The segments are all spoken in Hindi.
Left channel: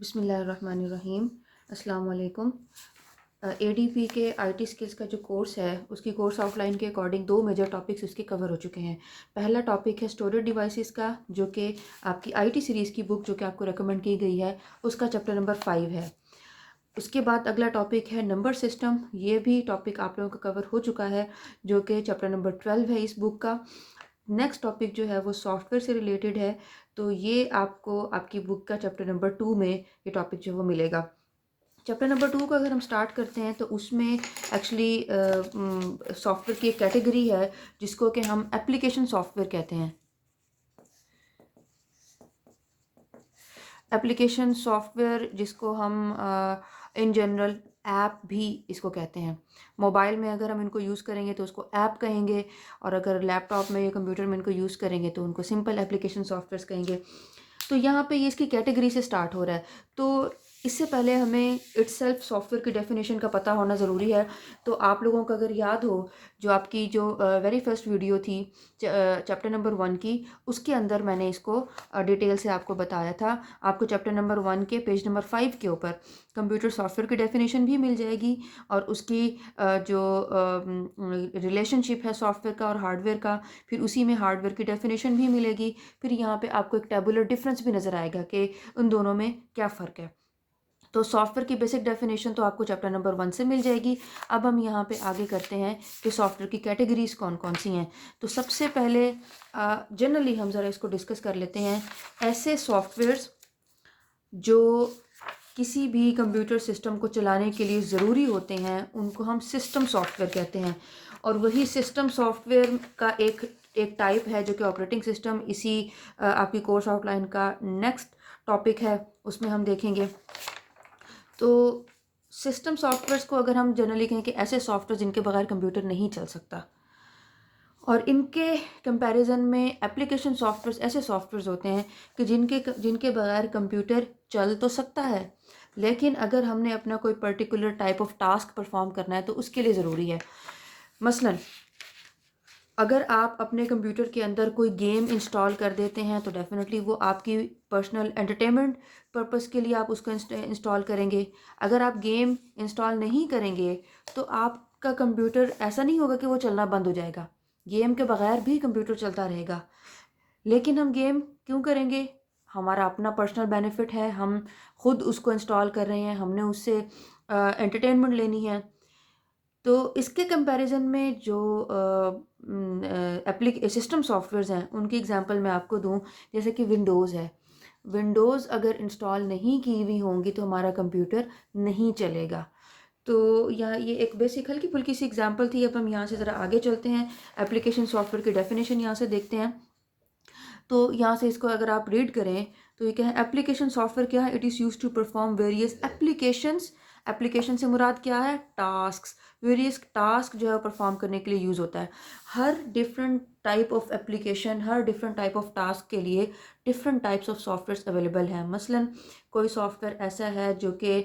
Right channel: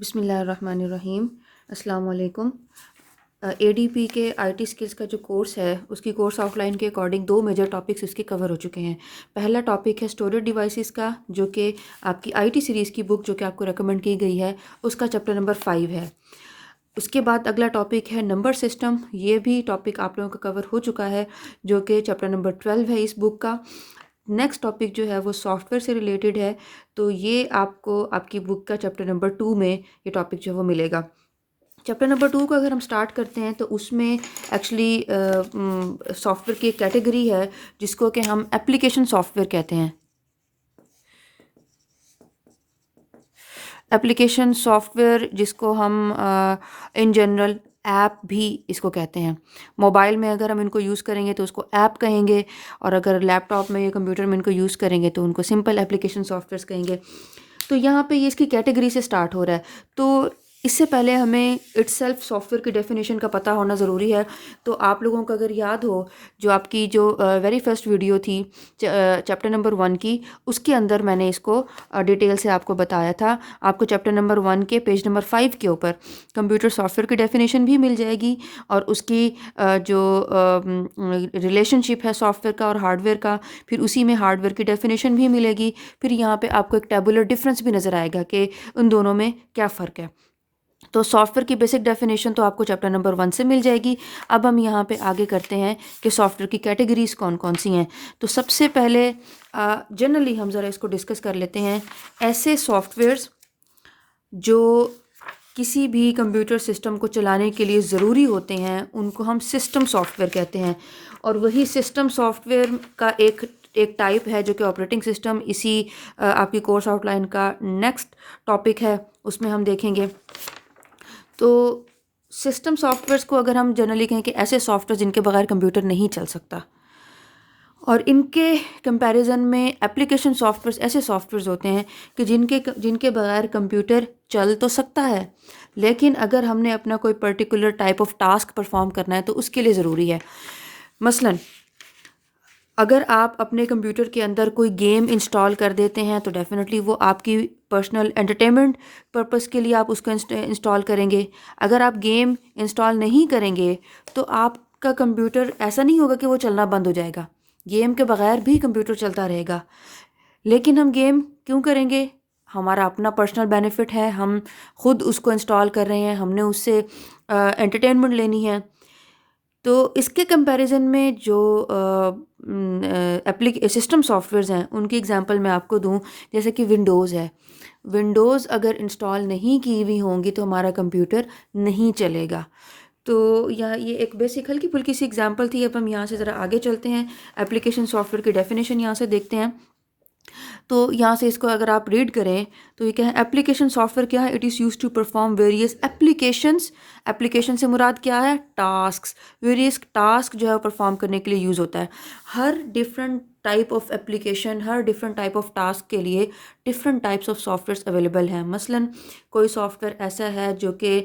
बिस्मिल्लाहिर्रहमानिर्रहीम। अस्सलाम वालेकुम। एडीपी के आईटी स्किल्स का जो कोर्स है उसकी कोर्स आउटलाइन के अकॉर्डिंग दो मेजर टॉपिक्स उसके कवर हो चुके हैं। पहला टॉपिक है स्टोरेज डिवाइसेस का, जो कि आपकी आईटी सीरीज़ की बुक जो कि आपको रेकमेंड की गई है उसका चैप्टर नंबर 5 है। उसके बाद अगला टॉपिक है नंबर सिस्टम। ये भी टॉपिक आप लोगों का कवर हो चुका है, जो कि चैप्टर नंबर 12 है इस बुक का। नेक्स्ट टॉपिक जो है वो सॉफ्टवेयर से रिलेटेड है, तो ये आपको आपकी बुक का चैप्टर नंबर 2 में ये टॉपिक जो है वो मिलेगा। चैप्टर नंबर 2 को अगर हम स्टार्ट करते हैं तो उसमें एक्चुअली सॉफ्टवेयर की एक कैटेगरी है जिसको कि हम एप्लीकेशन सॉफ्टवेयर कहते हैं। एप्लीकेशन सॉफ्टवेयर जिसको हम इन जनरल ऐप भी इसको कहते हैं। मोबाइल में अगर हम इनको यूज़ करेंगे तो उसको ऐप कहेंगे, और अगर लैपटॉप में या कंप्यूटर में इनको यूज़ करेंगे तो उनको सिंपल एप्लीकेशन सॉफ्टवेयर्स कहेंगे। तो यहाँ पे ये इसकी कैटेगरी से स्टार्ट हो रहा है। तो इससे पहले हमें इटसेल्फ सॉफ्टवेयर की डेफिनेशन का पता होना ज़रूरी है। तो आप लोगों को अगर याद हो, जो आपकी जो वेरी फर्स्ट वीडियो थी चैप्टर नंबर 1 की, उसके अंदर मैंने इसको डिटेल से आपको बताया था। आपको चैप्टर नंबर 1 के पेज नंबर 5 के ऊपर कंप्यूटर सॉफ्टवेयर की डेफिनेशन भी मिल जाएगी, और उसकी जो रिलेशनशिप है सॉफ्टवेयर का और हार्डवेयर का, फिर उसी में हार्डवेयर की डेफिनेशन भी मिलेगी। फिर यहाँ पे आपको एक टेबुलर डिफरेंस भी नज़र आएगा कि उन दोनों में क्या फ़र्क है। तो सॉफ्टवेयर की बेसिक डेफिनेशन तो आपको चैप्टर नंबर 1 से मिल जाएगी। अब हम यहाँ पे आगे करते हैं कि सॉफ्टवेयर की कैटेगरीज कौन कौन सी हैं। तो सबसे पहले जनरली हम ज़रा इसको डिस्कस कर लेते हैं। ऐसे सॉफ्टवेयर्स जो किसी भी कंप्यूटर सिस्टम को चलाने के लिए ज़रूरी होते हैं उनको हम सिस्टम सॉफ्टवेयर कहते हैं। और वही सिस्टम सॉफ्टवेयर का एक टाइप है जो कि ऑपरेटिंग सिस्टम। इसी आपकी कोर्स आउटलाइन का नेक्स्ट टॉपिक है, उसमें हम देखेंगे। तो सिस्टम सॉफ्टवेयर्स को अगर हम जनरली कहें कि ऐसे सॉफ्टवेयर जिनके बगैर कंप्यूटर नहीं चल सकता, और इनके कंपैरिजन में एप्लीकेशन सॉफ्टवेयर्स ऐसे सॉफ्टवेयर्स होते हैं कि जिनके बगैर कंप्यूटर चल तो सकता है, लेकिन अगर हमने अपना कोई particular type of task perform करना है तो उसके लिए ज़रूरी है। मसलन अगर आप अपने कंप्यूटर के अंदर कोई गेम इंस्टॉल कर देते हैं तो डेफिनेटली वो आपकी पर्सनल एंटरटेनमेंट पर्पस के लिए आप उसको इंस्टॉल करेंगे। अगर आप गेम इंस्टॉल नहीं करेंगे तो आपका कंप्यूटर ऐसा नहीं होगा कि वो चलना बंद हो जाएगा, गेम के बगैर भी कंप्यूटर चलता रहेगा। लेकिन हम गेम क्यों करेंगे? हमारा अपना पर्सनल बेनिफिट है, हम खुद उसको इंस्टॉल कर रहे हैं, हमने उससे एंटरटेनमेंट लेनी है। तो इसके कंपैरिजन में जो एप्लीक सिस्टम सॉफ्टवेयर्स हैं उनकी एग्जांपल मैं आपको दूं, जैसे कि विंडोज़ है। विंडोज़ अगर इंस्टॉल नहीं की हुई होंगी तो हमारा कंप्यूटर नहीं चलेगा। तो यहाँ ये एक बेसिक हल्की फुल्की सी एग्जांपल थी। अब हम यहाँ से ज़रा आगे चलते हैं, एप्लीकेशन सॉफ्टवेयर की डेफिनेशन यहाँ से देखते हैं। तो यहाँ से इसको अगर आप रीड करें तो ये क्या है, एप्लीकेशन सॉफ्टवेयर क्या है? It is use to perform various applications. Application से मुराद क्या है? टास्क्स। वेरियस टास्क जो है परफॉर्म करने के लिए यूज़ होता है। हर डिफरेंट टाइप ऑफ एप्लीकेशन, हर डिफरेंट टाइप ऑफ टास्क के लिए different types of software available हैं। मसलन कोई सॉफ्टवेयर ऐसा है जो कि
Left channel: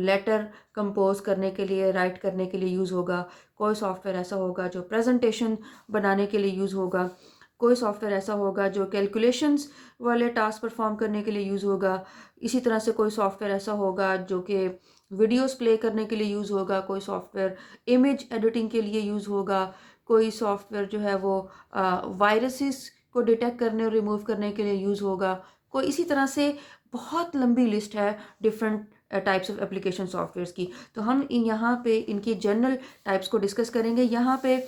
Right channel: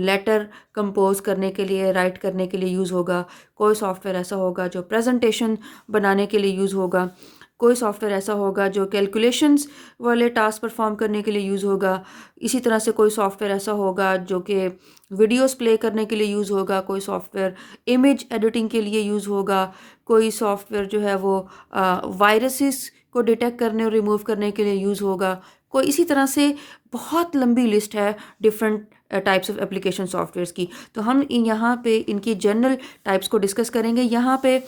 लेटर कंपोज करने के लिए, राइट करने के लिए यूज़ होगा। कोई सॉफ्टवेयर ऐसा होगा जो प्रेजेंटेशन बनाने के लिए यूज़ होगा। कोई सॉफ्टवेयर ऐसा होगा जो कैलकुलेशंस वाले टास्क परफॉर्म करने के लिए यूज़ होगा। इसी तरह से कोई सॉफ्टवेयर ऐसा होगा जो कि वीडियोस प्ले करने के लिए यूज़ होगा। कोई सॉफ्टवेयर इमेज एडिटिंग के लिए यूज़ होगा। कोई सॉफ्टवेयर जो है वो वायरसेस को डिटेक्ट करने और रिमूव करने के लिए यूज़ होगा। कोई इसी तरह से बहुत लंबी लिस्ट है different types of application softwares की। तो हम यहाँ पे इनकी जनरल टाइप्स को डिस्कस करेंगे। यहाँ पे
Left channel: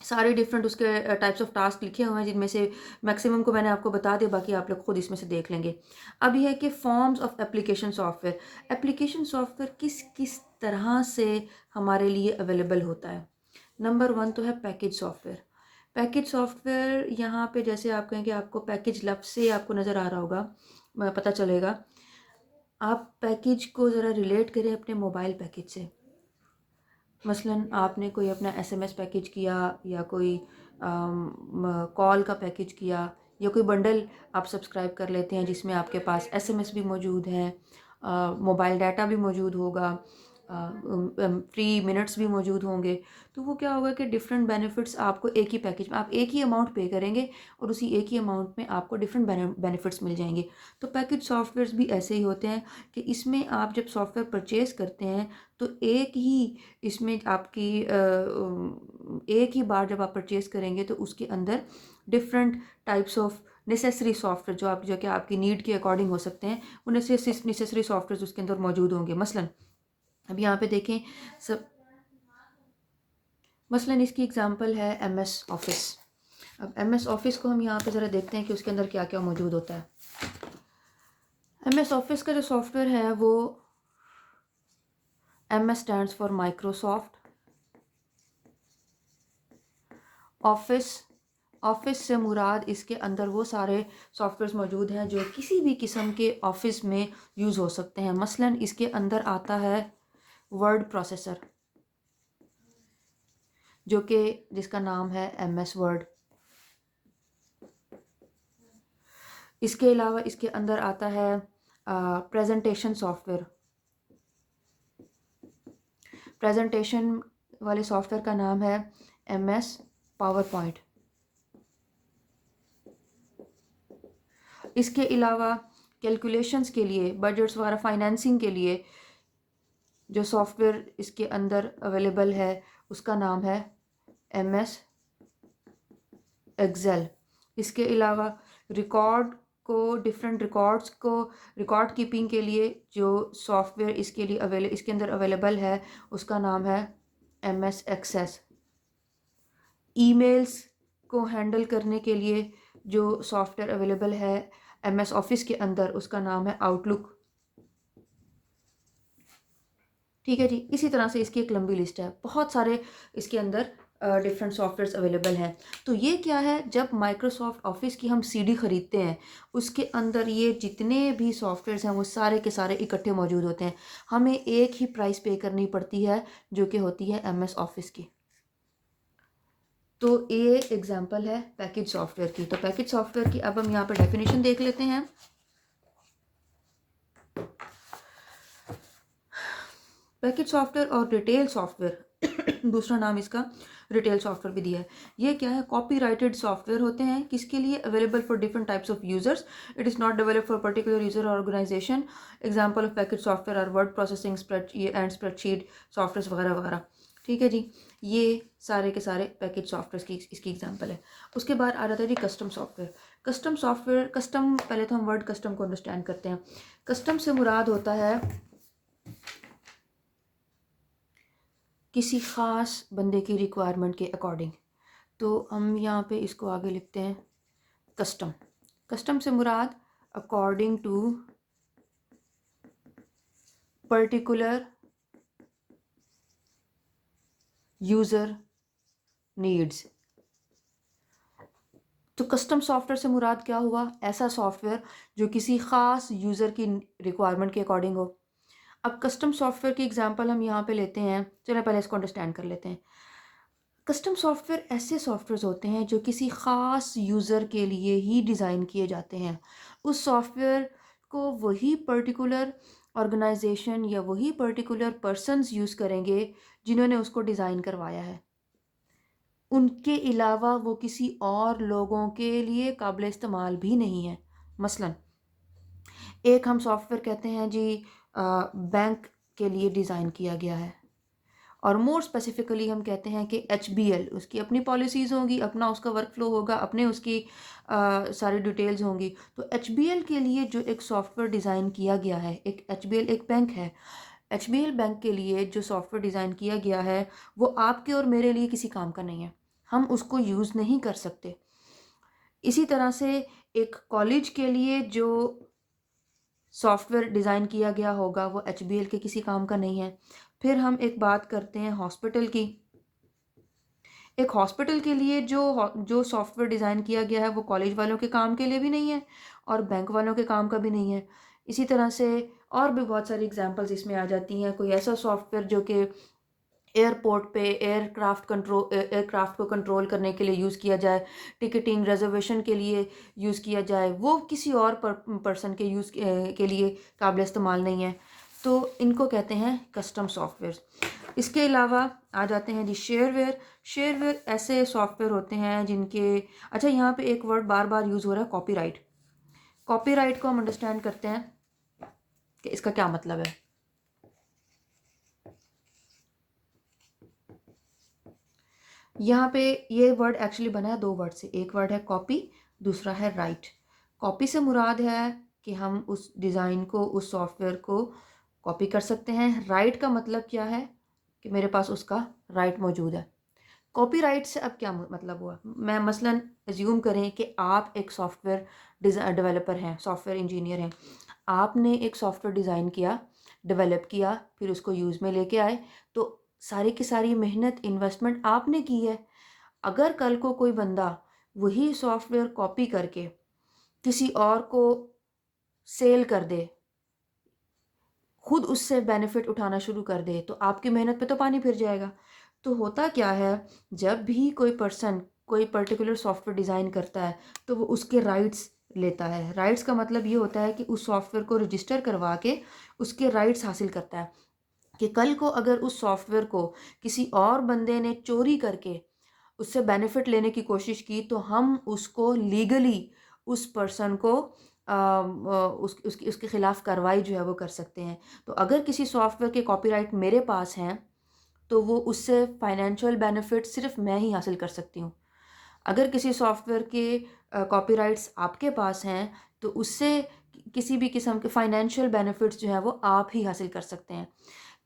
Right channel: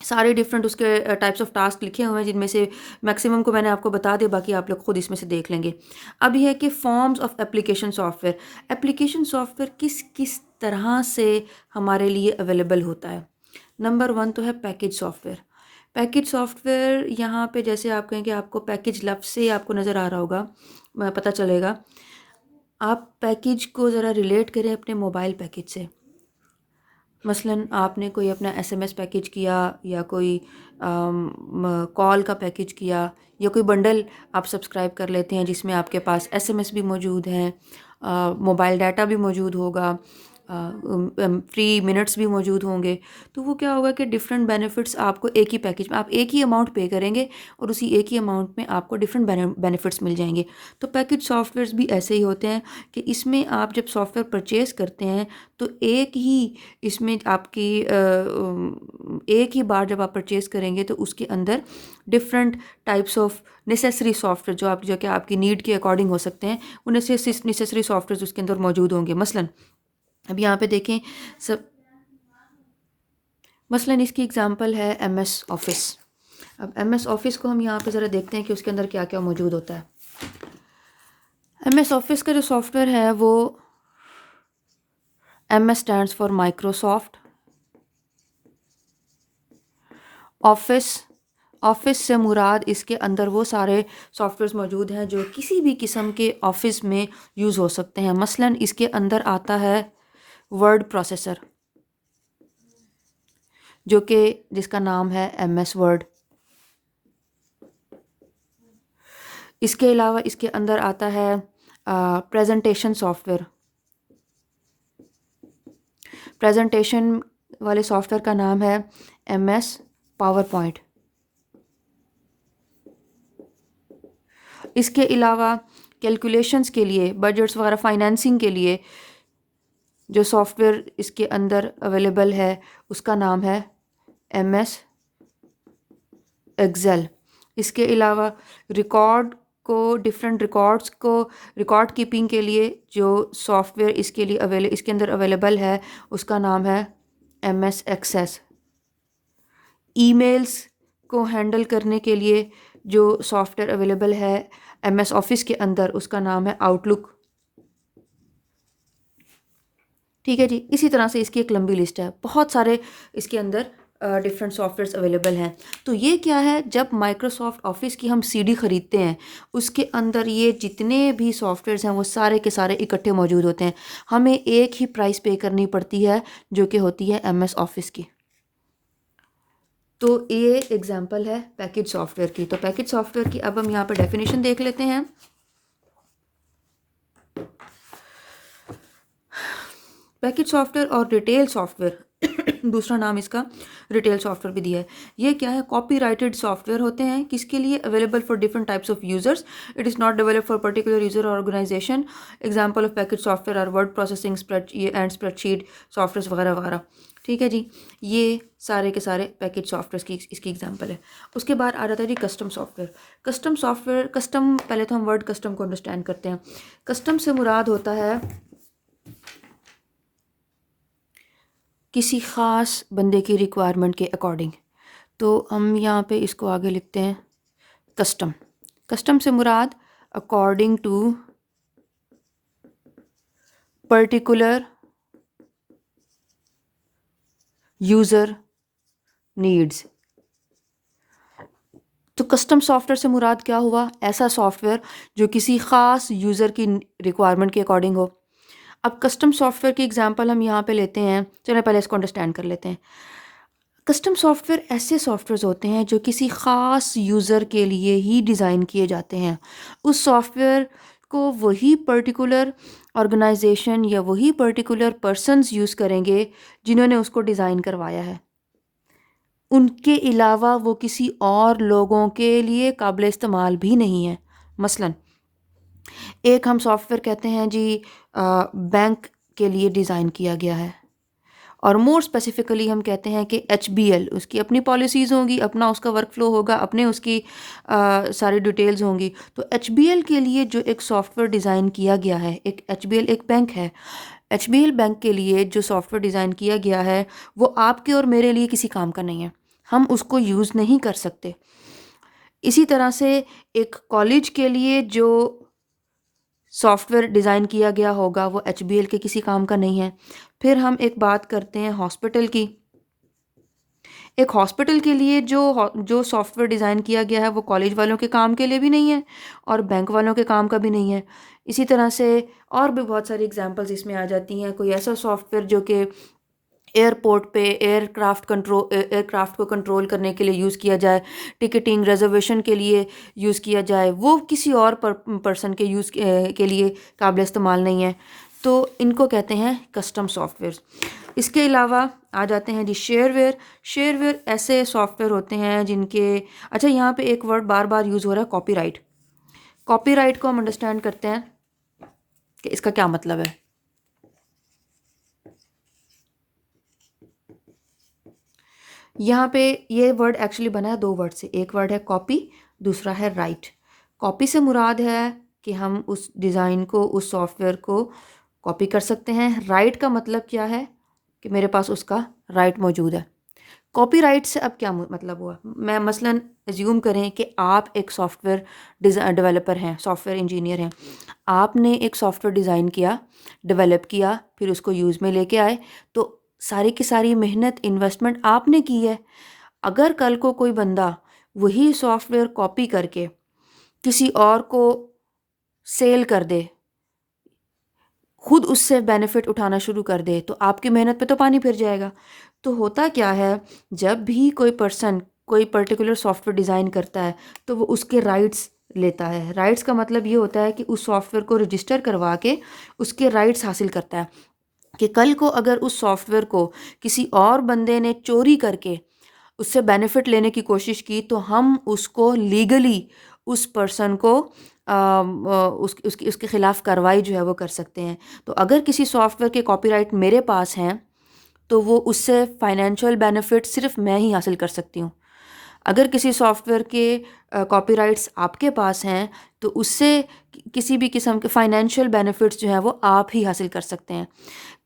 सारे डिफरेंट उसके टाइप्स ऑफ टास्क लिखे हुए हैं, जिनमें से मैक्सिमम को मैंने आपको बता दिया, बाकी आप लोग खुद इसमें से देख लेंगे। अब यह है कि forms of application software. Application software किस किस तरह से हमारे लिए अवेलेबल होता है। नंबर 1 तो है पैकेज सॉफ्टवेयर। पैकेज सॉफ्टवेयर यहाँ पे जैसे आप कहें कि आपको पैकेज लफ्ज़ से आपको नज़र आ रहा होगा, पता चलेगा। आप पैकेज को ज़रा रिलेट करें अपने मोबाइल पैकेज से। मसलन आपने कोई अपना एसएमएस पैकेज किया, या कोई कॉल का पैकेज किया, या कोई बंडल आप सब्सक्राइब कर लेते हैं जिसमें आपके पास एसएमएस भी मौजूद हैं, मोबाइल डाटा भी मौजूद होगा, फ्री मिनट्स भी मौजूद होंगे। तो वो क्या होगा कि डिफरेंट बेनिफिट्स आपको एक ही पैकेज में, आप एक ही अमाउंट पे करेंगे और उसी एक ही अमाउंट में आपको डिफरेंट बेनिफिट्स मिल जाएंगे। तो पैकेज सॉफ्टवेयर्स भी ऐसे ही होते हैं कि इसमें आप जब सॉफ्टवेयर परचेज़ करते हैं तो एक ही इसमें आपकी एक ही बार जब आप परचेज़ करेंगे तो उसके अंदर different types of necessary software जो कि आपकी नीड के अकॉर्डिंग हो सकते हैं, वो नेसेसरी सॉफ्टवेयर उसके अंदर मौजूद होंगे। अब यहाँ पे देखें सब, मसलन इसकी एग्जांपल है एमएस ऑफिस। अब एमएस ऑफिस को हम यहाँ पे ज़रा देखते हैं कि उसके अंदर क्या क्या मौजूद होता है। एमएस ऑफिस का जो सॉफ्टवेयर है वो MS stands for Microsoft office. Office से मुराद इसके अंदर वो सारे सॉफ्टवेयर्स मौजूद हैं जो किसी भी किस्म के ऑफिस में यूज़ हो सकते हैं। मसलन इसके अंदर आता है वर्ड प्रोसेसर, जो कि जिसका नाम है एमएस वर्ड। इसके अलावा इसके अंदर आता है प्रेजेंटेशन सॉफ्टवेयर। प्रेजेंटेशन वाले सॉफ्टवेयर का नाम है एमएस पावर पॉइंट। इसके अलावा कैलकुलेशंस के लिए, बजट्स वगैरह, फाइनेंसिंग के लिए जो सॉफ्टवेयर इसके अंदर अवेलेबल है उसका नाम है एमएस एक्सेल। इसके अलावा डिफरेंट रिकॉर्ड्स को रिकॉर्ड कीपिंग के लिए जो सॉफ्टवेयर इसके अंदर अवेलेबल है उसका नाम है एमएस एक्सेस। ईमेल्स को हैंडल करने के लिए जो सॉफ्टवेयर अवेलेबल है एमएस ऑफिस के अंदर उसका नाम है आउटलुक। ठीक है जी, इसी तरह से इसकी एक लंबी लिस्ट है, बहुत सारे इसके अंदर डिफरेंट सॉफ्टवेयर्स अवेलेबल हैं। तो ये क्या है, जब माइक्रोसॉफ्ट ऑफिस की हम सीडी ख़रीदते हैं उसके अंदर ये जितने भी सॉफ्टवेयर्स हैं वो सारे के सारे इकट्ठे मौजूद होते हैं। हमें एक ही प्राइस पे करनी पड़ती है जो कि होती है एमएस ऑफिस की। तो ये एग्जांपल है पैकेज सॉफ्टवेयर की। तो पैकेज सॉफ्टवेयर की अब हम यहाँ पे डेफिनेशन देख लेते हैं। पैकेज सॉफ्टवेयर और रिटेल सॉफ्टवेयर दूसरा नाम इसका रिटेल सॉफ्टवेयर भी दिया है। ये क्या है, कॉपीराइटेड सॉफ्टवेयर होते हैं। किसके लिए? Available for different types of users. It is not develop for particular user organisation. Example of package software are word processing, spreadsheet software वगैरह वगैरह। ठीक है जी, ये सारे के सारे पैकेज सॉफ्टवेयर की इसकी एग्जांपल है। उसके बाद आ जाता है जी custom software. Custom software, custom, पहले तो हम वर्ड कस्टम को अंडरस्टैंड करते हैं। कस्टम से मुराद होता है किसी ख़ास बंदे की रिक्वायरमेंट के अकॉर्डिंग। तो हम यहाँ पे इसको आगे लिखते हैं कस्टम। कस्टम से मुराद according to particular user needs. तो कस्टम सॉफ्टवेयर से मुराद क्या हुआ? ऐसा सॉफ्टवेयर जो किसी ख़ास यूज़र की रिक्वायरमेंट के अकॉर्डिंग हो। अब कस्टम सॉफ्टवेयर की एग्जांपल हम यहाँ पे लेते हैं। चलिए पहले इसको अंडरस्टैंड कर लेते हैं। कस्टम सॉफ्टवेयर ऐसे सॉफ्टवेयर होते हैं जो किसी ख़ास यूज़र के लिए ही डिज़ाइन किए जाते हैं। उस सॉफ्टवेयर को वही पर्टिकुलर ऑर्गेनाइजेशन या वही पर्टिकुलर पर्सन्स यूज़ करेंगे जिन्होंने उसको डिज़ाइन करवाया है। उनके अलावा वो किसी और लोगों के लिए काबिल इस्तेमाल भी नहीं है। मसलन एक हम सॉफ्टवेयर कहते हैं जी बैंक के लिए डिज़ाइन किया गया है, और मोर स्पेसिफिकली हम कहते हैं कि HBL, उसकी अपनी पॉलिसीज़ होंगी, अपना उसका वर्क फ्लो होगा, अपने उसकी सारी डिटेल्स होंगी। तो HBL के लिए जो एक सॉफ्टवेयर डिज़ाइन किया गया है, एक HBL एक बैंक है, HBL बैंक के लिए जो सॉफ्टवेयर डिज़ाइन किया गया है वो आपके और मेरे लिए किसी काम का नहीं है, हम उसको यूज़ नहीं कर सकते। इसी तरह से एक कॉलेज के लिए जो सॉफ्टवेयर डिज़ाइन किया गया होगा वो HBL के किसी काम का नहीं है। फिर हम एक बात करते हैं हॉस्पिटल की। एक हॉस्पिटल के लिए जो सॉफ्टवेयर डिज़ाइन किया गया है वो कॉलेज वालों के काम के लिए भी नहीं है और बैंक वालों के काम का भी नहीं है। इसी तरह से और भी बहुत सारी एग्जांपल्स इसमें आ जाती हैं। कोई ऐसा सॉफ्टवेयर जो कि एयरपोर्ट पे एयरक्राफ्ट को कंट्रोल करने के लिए यूज़ किया जाए, टिकटिंग रिजर्वेशन के लिए यूज़ किया जाए, वो किसी और पर्सन के यूज़ के लिए काबिल इस्तेमाल नहीं है। तो इनको कहते हैं कस्टम सॉफ्टवेयर। इसके अलावा आ जाते हैं जी शेयरवेयर। शेयरवेयर ऐसे सॉफ्टवेयर होते हैं जिनके, अच्छा यहाँ पे एक वर्ड बार बार यूज़ हो रहा है, कॉपीराइट। कॉपीराइट को हम अंडरस्टैंड करते हैं कि इसका क्या मतलब है। यहाँ पे ये वर्ड एक्चुअली बना है दो वर्ड से, एक वर्ड है कॉपी, दूसरा है राइट। कॉपी से मुराद है कि हम उस डिज़ाइन को, उस सॉफ्टवेयर को कॉपी कर सकते हैं। राइट का मतलब क्या है कि मेरे पास उसका राइट मौजूद है। कॉपीराइट से अब क्या मतलब हुआ, मैं मसलन एज्यूम करें कि आप एक सॉफ्टवेयर डेवलपर हैं, सॉफ्टवेयर इंजीनियर हैं। आपने एक सॉफ्टवेयर डिज़ाइन किया, डेवलप किया, फिर उसको यूज़ में लेके आए, तो सारी की सारी मेहनत, इन्वेस्टमेंट आपने की है। अगर कल को कोई बंदा वही सॉफ्टवेयर कॉपी करके किसी और को सेल कर दे, खुद उससे बेनिफिट उठाना शुरू कर दे, तो आपकी मेहनत पे तो पानी फिर जाएगा। तो होता क्या है, जब भी कोई पर्सन कोई पर्टिकुलर सॉफ्टवेयर डिज़ाइन करता है तो वो उसके राइट्स लेता है। राइट्स का मतलब ये होता है कि उस सॉफ्टवेयर को रजिस्टर करवा के उसके राइट्स हासिल करता है, कि कल को अगर उस सॉफ्टवेयर को किसी और बंदे ने चोरी करके उससे बेनिफिट लेने की कोशिश की, तो हम उसको लीगली उस पर्सन को उसके ख़िलाफ़ कार्रवाई जो है वो कर सकते हैं। तो अगर किसी सॉफ्टवेयर के कॉपीराइट मेरे पास हैं, तो वो उससे फ़ाइनेंशियल बेनिफिट सिर्फ़ मैं ही हासिल कर सकती हूँ। अगर किसी सॉफ्टवेयर के कॉपीराइट्स आपके पास हैं, तो उससे किसी भी किस्म के फ़ाइनेंशियल बेनिफिट्स जो हैं वो आप ही हासिल कर सकते हैं।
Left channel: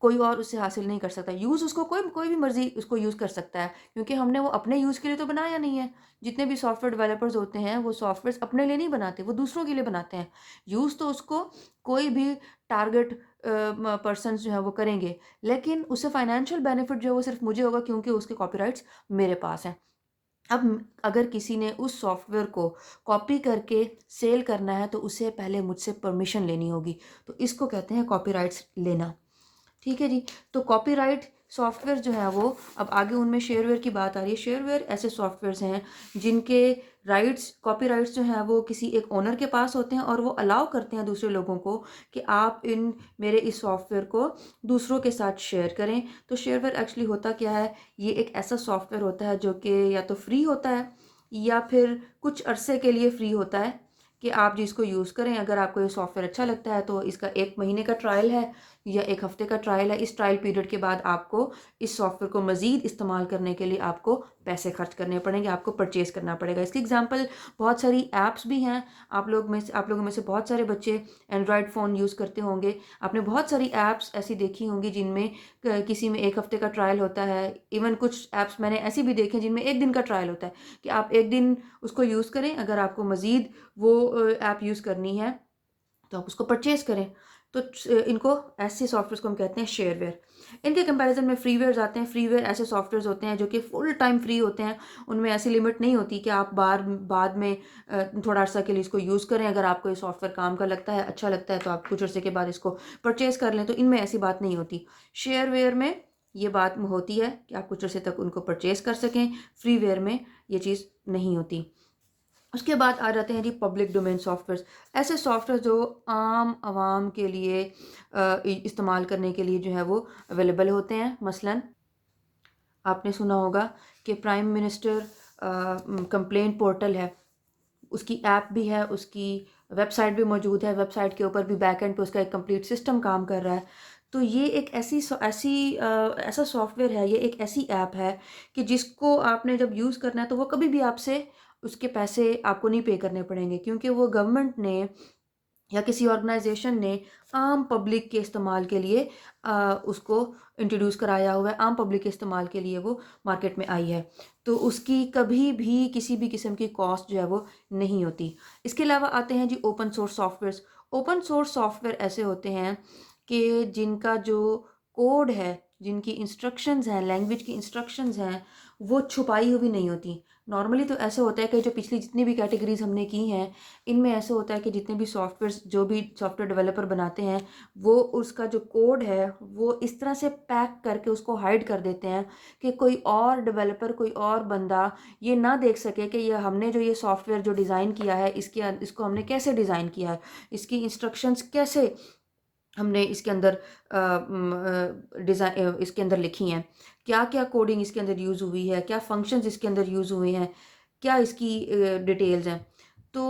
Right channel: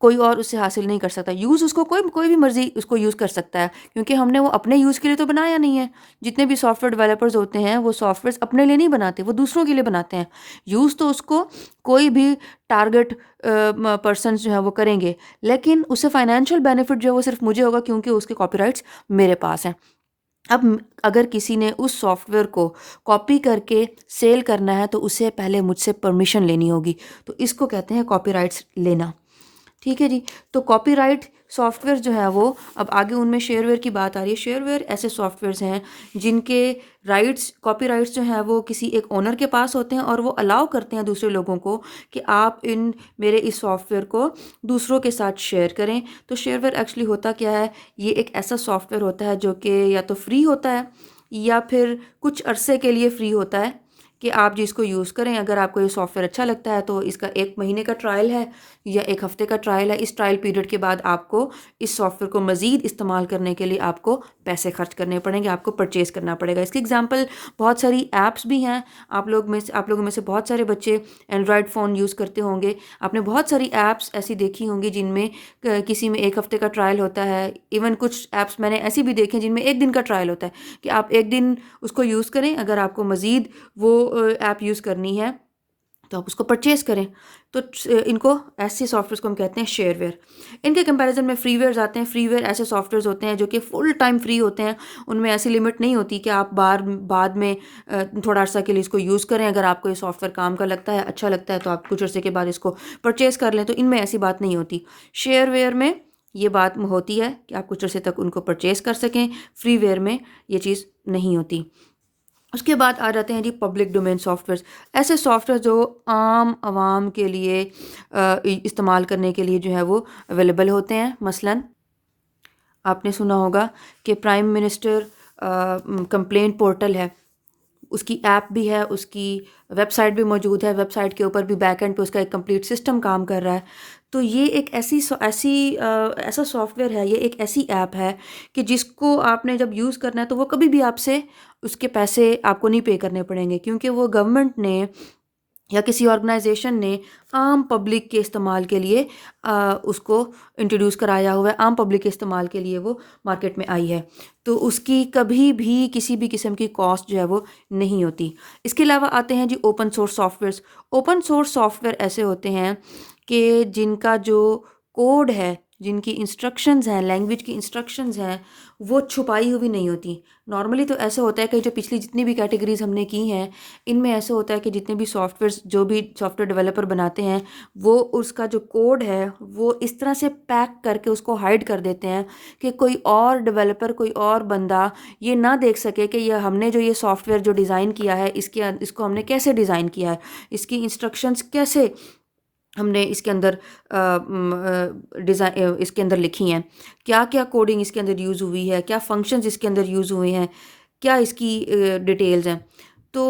कोई और उससे हासिल नहीं कर सकता। यूज़ उसको कोई कोई भी मर्ज़ी उसको यूज़ कर सकता है, क्योंकि हमने वो अपने यूज़ के लिए तो बनाया नहीं है। जितने भी सॉफ्टवेयर डेवलपर्स होते हैं, वो सॉफ्टवेयर्स अपने लिए नहीं बनाते, वो दूसरों के लिए बनाते हैं। यूज़ तो उसको कोई भी टारगेट पर्सन्स जो हैं वो करेंगे, लेकिन उससे फ़ाइनेंशियल बेनिफिट जो है वो सिर्फ़ मुझे होगा, क्योंकि उसके कॉपीराइट्स मेरे पास हैं। अब अगर किसी ने उस सॉफ्टवेयर को कॉपी करके सेल करना है, तो उसे पहले मुझसे परमिशन लेनी होगी। तो इसको कहते हैं कॉपीराइट्स लेना। ठीक है जी। तो कॉपीराइट सॉफ्टवेयर जो है वो, अब आगे उनमें शेयरवेयर की बात आ रही है। शेयरवेयर ऐसे सॉफ्टवेयर्स हैं जिनके राइट्स, कॉपीराइट्स जो हैं वो किसी एक ओनर के पास होते हैं, और वो अलाउ करते हैं दूसरे लोगों को कि आप इन मेरे इस सॉफ्टवेयर को दूसरों के साथ शेयर करें। तो शेयरवेयर एक्चुअली होता क्या है, ये एक ऐसा सॉफ्टवेयर होता है जो कि या तो फ्री होता है या फिर कुछ अरसे के लिए फ्री होता है, कि आप जिसको यूज़ करें। अगर आपको ये सॉफ्टवेयर अच्छा लगता है तो इसका 1 महीने का ट्रायल है या 1 हफ़्ते का ट्रायल है। इस ट्रायल पीरियड के बाद आपको इस सॉफ्टवेयर को मज़ीद इस्तेमाल करने के लिए आपको पैसे खर्च करने पड़ेंगे, आपको परचेज़ करना पड़ेगा। इसकी एग्ज़ाम्पल बहुत सारी ऐप्स भी हैं। आप लोगों में से बहुत सारे बच्चे एंड्रॉयड फ़ोन यूज़ करते होंगे। आपने बहुत सारी ऐप्स ऐसी देखी होंगी जिनमें किसी में 1 हफ़्ते का ट्रायल होता है। इवन कुछ ऐप्स मैंने ऐसी भी देखी हैं जिनमें 1 दिन का ट्रायल होता है, कि आप 1 दिन उसको यूज़ करें। अगर आपको मज़ीद वो ऐप यूज़ करनी है तो आप उसको परचेज़ करें। तो इनको, ऐसे सॉफ्टवेयर्स को हम कहते हैं शेयरवेयर। इनके कंपैरिज़न में फ्रीवेयर्स आते हैं। फ्रीवेयर ऐसे सॉफ्टवेयर्स होते हैं जो कि फुल टाइम फ्री होते हैं। उनमें ऐसी लिमिट नहीं होती कि आप बाद में थोड़ा अर्सा के लिए इसको यूज़ करें। अगर आपको ये सॉफ्टवेयर काम का लगता है, अच्छा लगता है, तो आप कुछ अर्से के बाद इसको परचेज़ कर लें। तो इनमें ऐसी बात नहीं होती। शेयरवेयर में ये बात होती है कि आप कुछ अर्से तक उनको परचेज़ कर सकें। फ्रीवेयर में ये चीज़ नहीं होती। उसके बाद आ जाते हैं जी पब्लिक डोमेन सॉफ्टवेयर्स। ऐसे सॉफ्टवेयर जो आम आवाम के लिए इस्तेमाल करने के लिए जो है वो अवेलेबल होते हैं। मसलन आपने सुना होगा कि प्राइम मिनिस्टर कंप्लेंट पोर्टल है, उसकी ऐप भी है, उसकी वेबसाइट भी मौजूद है। वेबसाइट के ऊपर भी बैक एंड पे उसका एक कंप्लीट सिस्टम काम कर रहा है। तो ये एक ऐसा सॉफ्टवेयर है, ये एक ऐसी ऐप है कि जिसको आपने जब यूज़ करना है, तो वो कभी भी आपसे उसके पैसे आपको नहीं पे करने पड़ेंगे, क्योंकि वो गवर्नमेंट ने या किसी ऑर्गेनाइजेशन ने आम पब्लिक के इस्तेमाल के लिए उसको इंट्रोड्यूस कराया हुआ है। आम पब्लिक के इस्तेमाल के लिए वो मार्केट में आई है। तो उसकी कभी भी किसी भी किस्म की कॉस्ट जो है वो नहीं होती। इसके अलावा आते हैं जी open source softwares. Open source software ऐसे होते हैं कि जिनका जो कोड है, जिनकी इंस्ट्रक्शंस हैं, लैंग्वेज की इंस्ट्रक्शंस हैं, वो छुपाई हुई नहीं होती। नॉर्मली तो ऐसा होता है कि जो पिछली जितनी भी कैटेगरीज हमने की हैं, इनमें ऐसा होता है कि जितने भी सॉफ्टवेयर्स, जो भी सॉफ्टवेयर डेवलपर बनाते हैं, वो उसका जो कोड है वो इस तरह से पैक करके उसको हाइड कर देते हैं कि कोई और डेवलपर, कोई और बंदा ये ना देख सके कि ये हमने जो ये सॉफ्टवेयर जो डिज़ाइन किया है, इसको हमने कैसे डिज़ाइन किया है, इसकी इंस्ट्रक्शंस कैसे हमने इसके अंदर डिज़ाइन इसके अंदर लिखी हैं, क्या-क्या कोडिंग इसके अंदर यूज़ हुई है, क्या फंक्शंस इसके अंदर यूज़ हुए हैं, क्या इसकी डिटेल्स हैं। तो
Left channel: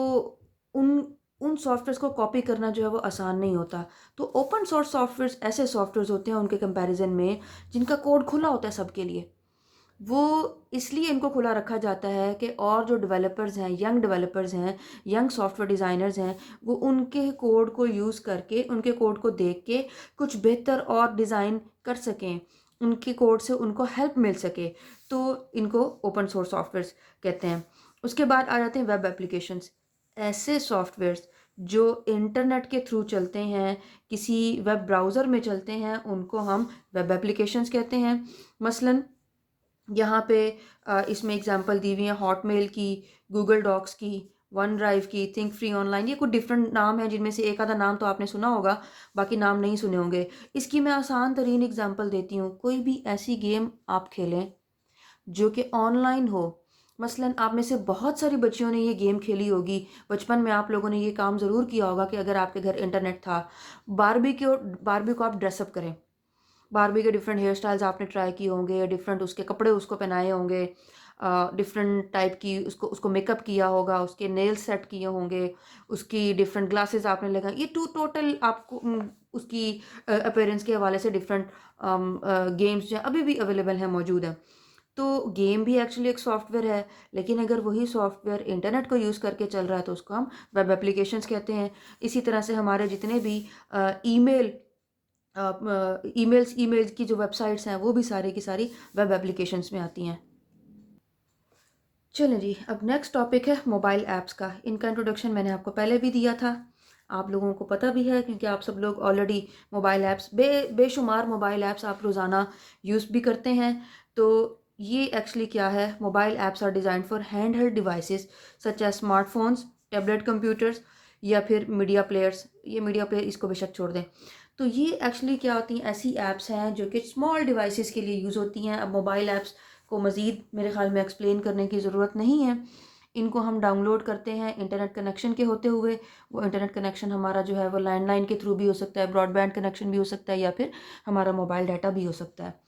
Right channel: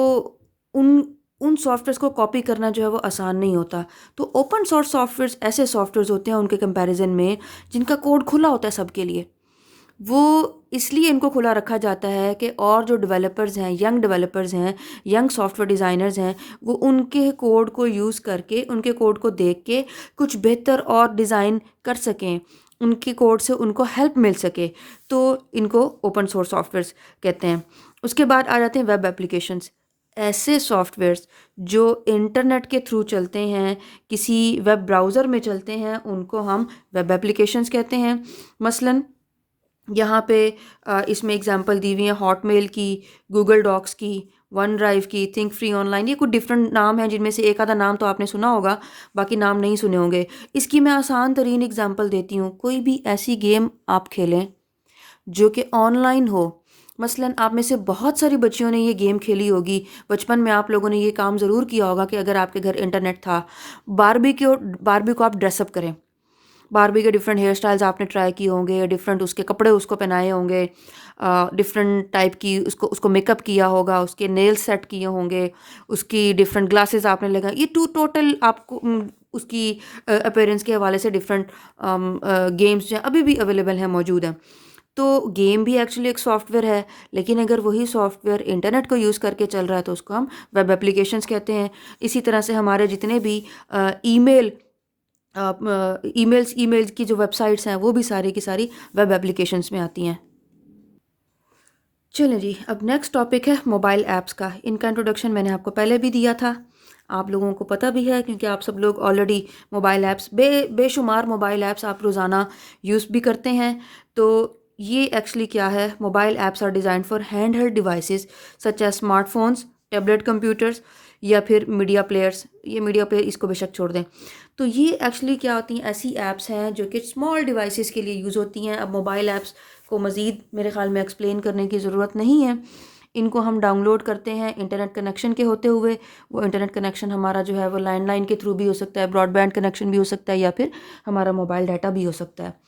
उन उन सॉफ्टवेयर्स को कॉपी करना जो है वो आसान नहीं होता। तो ओपन सोर्स सॉफ्टवेयर्स ऐसे सॉफ्टवेयर्स होते हैं उनके कंपैरिज़न में जिनका कोड खुला होता है सबके लिए। वो इसलिए इनको खुला रखा जाता है कि और जो डेवलपर्स हैं, यंग डेवलपर्स हैं, यंग सॉफ्टवेयर डिज़ाइनर्स हैं, वो उनके कोड को यूज़ करके, उनके कोड को देख के कुछ बेहतर और डिज़ाइन कर सकें। उनके कोड से उनको हेल्प मिल सके। तो इनको ओपन सोर्स सॉफ्टवेयर्स कहते हैं। उसके बाद आ जाते हैं वेब एप्लीकेशंस। ऐसे सॉफ्टवेयर्स जो इंटरनेट के थ्रू चलते हैं, किसी वेब ब्राउज़र में चलते हैं, उनको हम वेब एप्लीकेशंस कहते हैं। मसलन यहाँ पे इसमें एग्जांपल दी हुई है हॉटमेल की, गूगल डॉक्स की, वन ड्राइव की, थिंक फ्री ऑनलाइन। ये कुछ डिफरेंट नाम हैं जिनमें से एक आधा नाम तो आपने सुना होगा, बाकी नाम नहीं सुने होंगे। इसकी मैं आसान तरीन एग्जांपल देती हूँ। कोई भी ऐसी गेम आप खेलें जो कि ऑनलाइन हो। मसलन आप में से बहुत सारी बच्चियों ने ये गेम खेली होगी। बचपन में आप लोगों ने ये काम ज़रूर किया होगा कि अगर आपके घर इंटरनेट था, बारबी को आप ड्रेसअप करें। बारबी के डिफरेंट हेयर स्टाइल्स आपने ट्राई किए होंगे, डिफरेंट उसके कपड़े उसको पहनाए होंगे, डिफरेंट टाइप की उसको उसको मेकअप किया होगा, उसके नेल्स सेट किए होंगे, उसकी डिफरेंट ग्लासेस आपने लगाए। ये टोटल आपको उसकी अपीयरेंस के हवाले से डिफरेंट गेम्स जो हैं अभी भी अवेलेबल हैं, मौजूद हैं। तो गेम भी एक्चुअली एक सॉफ्टवेयर है, लेकिन अगर वही सॉफ्टवेयर इंटरनेट को यूज़ करके चल रहा है तो उसको हम वेब एप्लीकेशंस कहते हैं। इसी तरह से हमारे जितने भी ईमेल ईमेल्स की जो वेबसाइट्स हैं वो भी सारी की सारी वेब एप्लीकेशंस में आती हैं। चलें जी, अब नेक्स्ट टॉपिक है मोबाइल ऐप्स का। इनका इंट्रोडक्शन मैंने आपको पहले भी दिया था, आप लोगों को पता भी है क्योंकि आप सब लोग ऑलरेडी मोबाइल ऐप्स बेशुमार मोबाइल ऐप्स आप रोज़ाना यूज़ भी करते हैं। तो ये एक्चुअली क्या है, mobile apps are design for hand held devices such as smartphones, tablet computers या फिर मीडिया प्लेयर्स। ये मीडिया प्लेयर इसको बेशक छोड़ दें। तो ये एक्चुअली क्या होती हैं, ऐसी ऐप्स हैं जो कि स्मॉल डिवाइसेस के लिए यूज़ होती हैं। अब मोबाइल ऐप्स को मज़ीद मेरे ख़्याल में एक्सप्लेन करने की ज़रूरत नहीं है। इनको हम डाउनलोड करते हैं इंटरनेट कनेक्शन के होते हुए। वो इंटरनेट कनेक्शन हमारा जो है वो लैंडलाइन के थ्रू भी हो सकता है, ब्रॉडबैंड कनेक्शन भी हो सकता है, या फिर हमारा मोबाइल डाटा भी हो सकता है।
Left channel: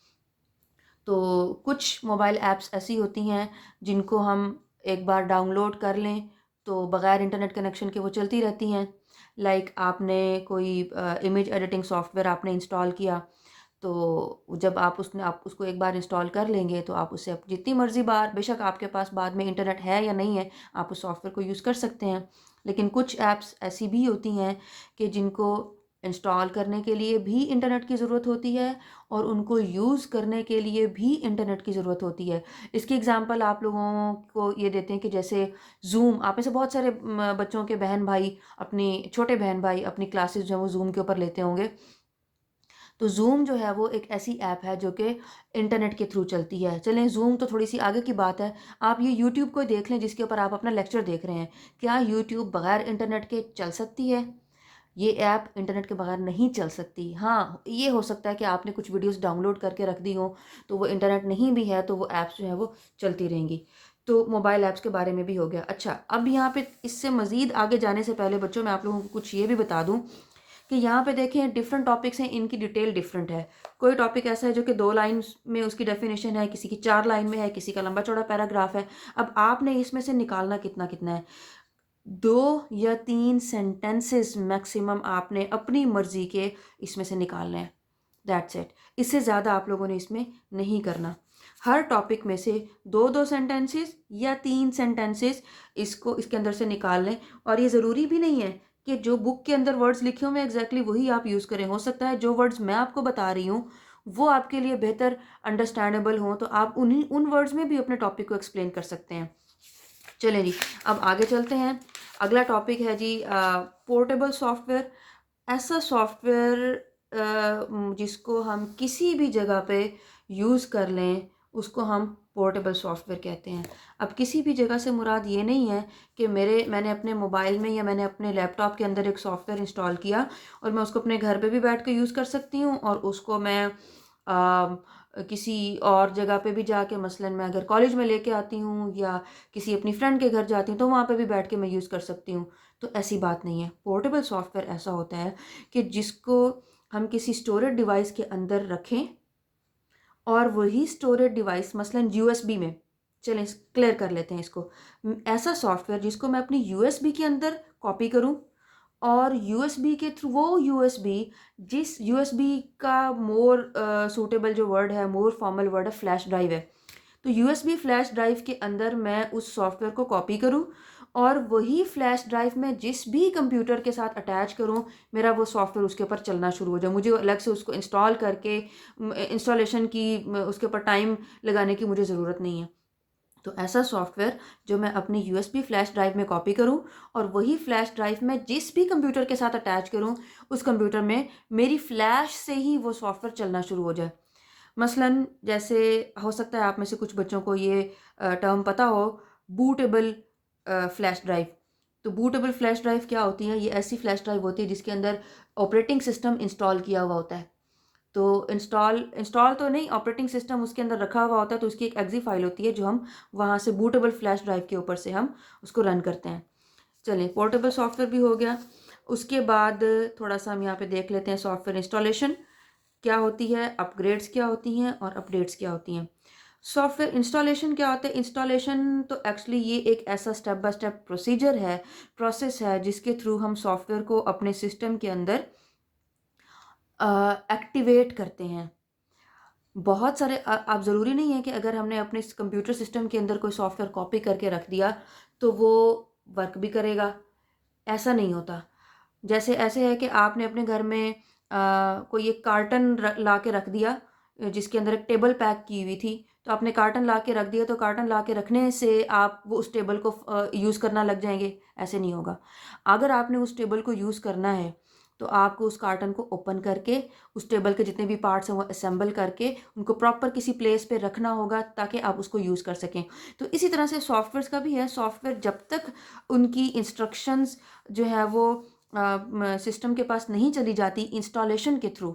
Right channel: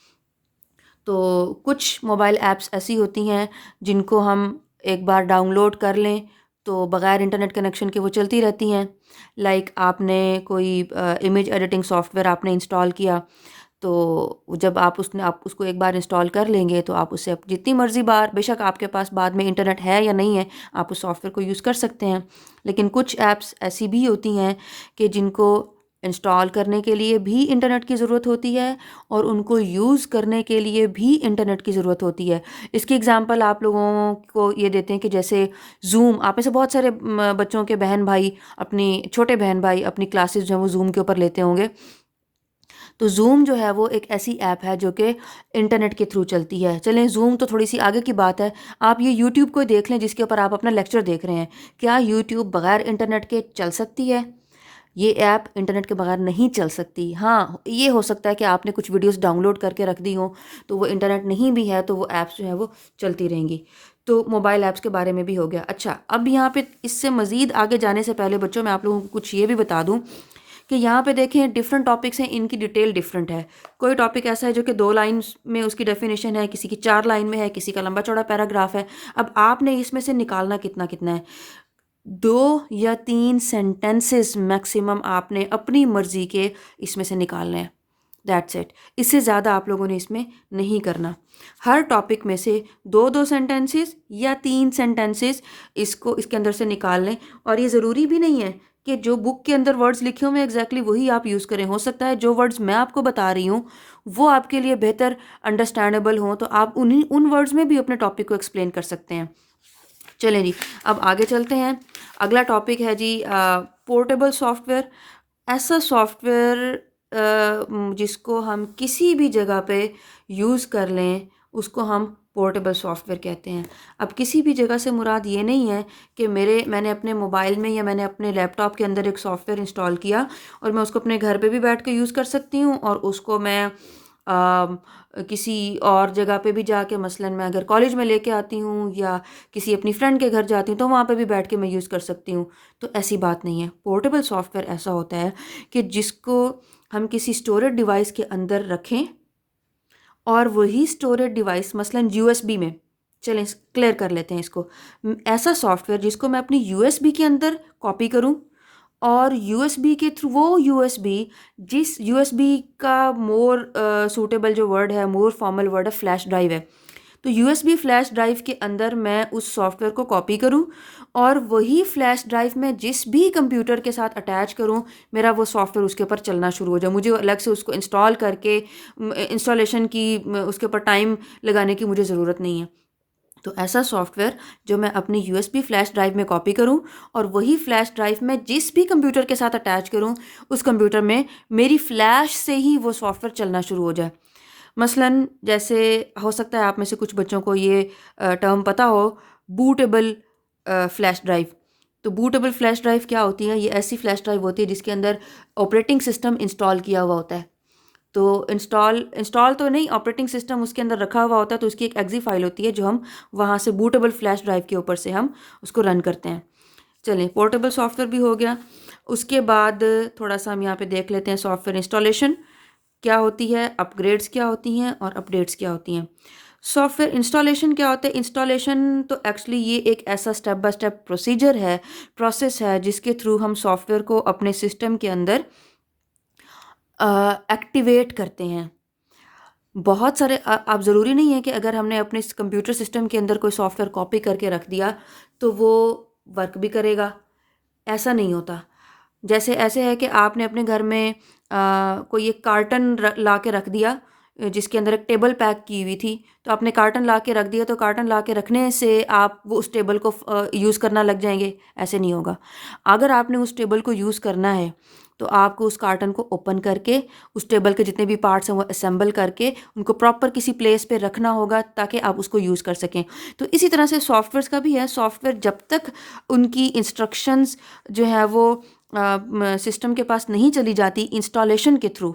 तो कुछ मोबाइल ऐप्स ऐसी होती हैं जिनको हम एक बार डाउनलोड कर लें तो बग़ैर इंटरनेट कनेक्शन के वो चलती रहती हैं। लाइक आपने कोई इमेज एडिटिंग सॉफ्टवेयर आपने इंस्टॉल किया, तो जब आप उसको एक बार इंस्टॉल कर लेंगे तो आप उससे जितनी मर्ज़ी बार, बेशक आपके पास बाद में इंटरनेट है या नहीं है, आप उस सॉफ्टवेयर को यूज़ कर सकते हैं। लेकिन कुछ ऐप्स ऐसी भी होती हैं कि जिनको इंस्टॉल करने के लिए भी इंटरनेट की ज़रूरत होती है और उनको यूज़ करने के लिए भी इंटरनेट की ज़रूरत होती है। इसकी एग्ज़ाम्पल आप लोगों को ये देते हैं कि जैसे ज़ूम, आप में से बहुत सारे बच्चों के बहन भाई, अपनी छोटे बहन भाई अपनी क्लासेस जो हैं वो ज़ूम के ऊपर लेते होंगे। तो ज़ूम जो है वो एक ऐसी ऐप है जो कि इंटरनेट के थ्रू चलती है। चलें ज़ूम तो थोड़ी सी आगे की बात है। आप ये यूट्यूब को देख लें जिसके ऊपर आप अपना लेक्चर देख रहे हैं। क्या यूट्यूब बग़ैर इंटरनेट के चल सकती है? ये ऐप इंटरनेट के बगैर नहीं चल सकती। हाँ, ये हो सकता है कि आपने कुछ वीडियोस डाउनलोड करके रख दी हों, तो वो इंटरनेट नहीं भी है, तो वो ऐप्स जो है वो चलती रहेंगी। तो मोबाइल ऐप्स के बारे में भी हो गया। अच्छा, अब यहाँ पे इससे मज़ीद आगे जाने से पहले बच्चों मैं आप लोगों को कुछ ये भी बता दूँ कि यहाँ पे देखें डिफरेंट टॉपिक्स हैं, इनकी डिटेल डिफरेंट है। कोई टॉपिक ऐसा है जो कि 2 लाइन्स में उसकी डेफिनेशन है, किसी की 4 लाइन में है, किसी का लंबा-चौड़ा पैराग्राफ है। अब आपने इसमें से निकालना कितना-कितना है। 2 या 3 सेंटेंसेस मैक्सिमम आपने अपनी मर्ज़ी के इसमें से निकालने हैं। That's it. इससे ज़्यादा आप लोगों ने इसमें नहीं करना। हर टॉपिक में से 2-2 सेंटेंसेस या 3 सेंटेंसेस इसको इसके अंदर से निकाल लें। और ये ज़रूरी भी नहीं है कि जो बुक के अंदर वर्ड्स लिखे हुए हैं एग्ज़ैक्टली वही आप यूज़ करें। हो सकता है जो वर्ड्स मैं आपको बता रही हूँ, वो आपके लिए बेहतर अंडरस्टैंडेबल हों, तो आप उन वर्ड्स में भी अपने टॉपिक को एक्सप्लेन कर सकते हैं। चलें जी, अब आगे चलते हैं। अगला टॉपिक है जी पोर्टेबल सॉफ्टवेयर। ऐसा सॉफ्टवेयर जिसको हम किसी भी जगह पे यूज़ कर लें, उसको हम पोर्टेबल सॉफ्टवेयर कहते हैं। अब किसी भी जगह से मुराद ये नहीं है कि मैंने अपने मोबाइल में या मैंने अपने लैपटॉप के अंदर एक सॉफ्टवेयर इंस्टॉल किया और मैं उसको अपने घर पे भी बैठ के यूज़ कर सकती हूँ और उसको मैं किसी और जगह पे भी जाके, मसलन मैं अगर कॉलेज में लेके आती हूँ या किसी अपनी फ्रेंड के घर जाती हूँ तो वहाँ पे भी बैठ के मैं यूज़ कर सकती हूँ। तो ऐसी बात नहीं है। पोर्टेबल सॉफ्टवेयर ऐसा होता है कि जिसको हम किसी स्टोरेज डिवाइस के अंदर रखें और वही स्टोरेज डिवाइस मसलन यूएसबी में, चलें क्लियर कर लेते हैं इसको, ऐसा सॉफ्टवेयर जिसको मैं अपनी यूएसबी के अंदर कॉपी करूं और यूएसबी के थ्रू वो यूएसबी, जिस यूएसबी का मोर सूटेबल जो वर्ड है, मोर फॉर्मल वर्ड है, फ्लैश ड्राइव है। तो यूएसबी फ्लैश ड्राइव के अंदर मैं उस सॉफ्टवेयर को कॉपी करूं और वही फ्लैश ड्राइव में जिस भी कंप्यूटर के साथ अटैच करूं, मेरा वो सॉफ्टवेयर उसके ऊपर चलना शुरू हो जाए। मुझे अलग से उसको इंस्टॉल करके इंस्टॉलेशन की उसके ऊपर टाइम लगाने की मुझे ज़रूरत नहीं है। तो ऐसा सॉफ्टवेयर जो मैं अपनी यूएसबी फ्लैश ड्राइव में कॉपी करूं और वही फ्लैश ड्राइव में जिस भी कंप्यूटर के साथ अटैच करूं, उस कंप्यूटर में मेरी फ्लैश से ही वो सॉफ्टवेयर चलना शुरू हो जाए। मसलन जैसे हो सकता है आप में से कुछ बच्चों को ये टर्म पता हो, बूटेबल फ्लैश ड्राइव। तो बूटेबल फ्लैश ड्राइव क्या होती है? ये ऐसी फ्लैश ड्राइव होती है जिसके अंदर ऑपरेटिंग सिस्टम इंस्टॉल किया हुआ होता है। तो इंस्टॉल तो नहीं, ऑपरेटिंग सिस्टम उसके अंदर रखा हुआ होता है, तो उसकी एक एग्जी फाइल होती है जो हम वहाँ से बूटेबल फ्लैश ड्राइव के ऊपर से हम उसको रन करते हैं। चलें, पोर्टेबल सॉफ्टवेयर भी हो गया। उसके बाद थोड़ा सा हम यहाँ पे देख लेते हैं सॉफ्टवेयर इंस्टॉलेशन क्या होती है, अपग्रेड्स क्या होती हैं और अपडेट्स क्या होती हैं। सॉफ्टवेयर इंस्टॉलेशन क्या होता है? इंस्टॉलेशन तो एक्चुअली ये एक ऐसा स्टेप बाय स्टेप प्रोसीजर है, प्रोसेस है, जिसके थ्रू हम सॉफ्टवेयर को अपने सिस्टम के अंदर एक्टिवेट करते हैं। बहुत सारे आप ज़रूरी नहीं है कि अगर हमने अपने कंप्यूटर सिस्टम के अंदर कोई सॉफ्टवेयर कॉपी करके रख दिया तो वो वर्क भी करेगा, ऐसा नहीं होता। जैसे ऐसे है कि आपने अपने घर में कोई एक कार्टन ला के रख दिया जिसके अंदर एक टेबल पैक की हुई थी, तो आपने कार्टन ला के रख दिया, तो कार्टन ला के रखने से आप वो उस टेबल को यूज़ करना लग जाएंगे, ऐसे नहीं होगा। अगर आपने उस टेबल को यूज़ करना है तो आपको उस कार्टन को ओपन करके उस टेबल के जितने भी पार्ट्स हैं वो असेंबल करके उनको प्रॉपर किसी प्लेस पे रखना होगा ताकि आप उसको यूज़ कर सकें। तो इसी तरह से सॉफ्टवेयर्स का भी है। सॉफ्टवेयर जब तक उनकी इंस्ट्रक्शंस जो है वो सिस्टम के पास नहीं चली जाती इंस्टॉलेशन के थ्रू,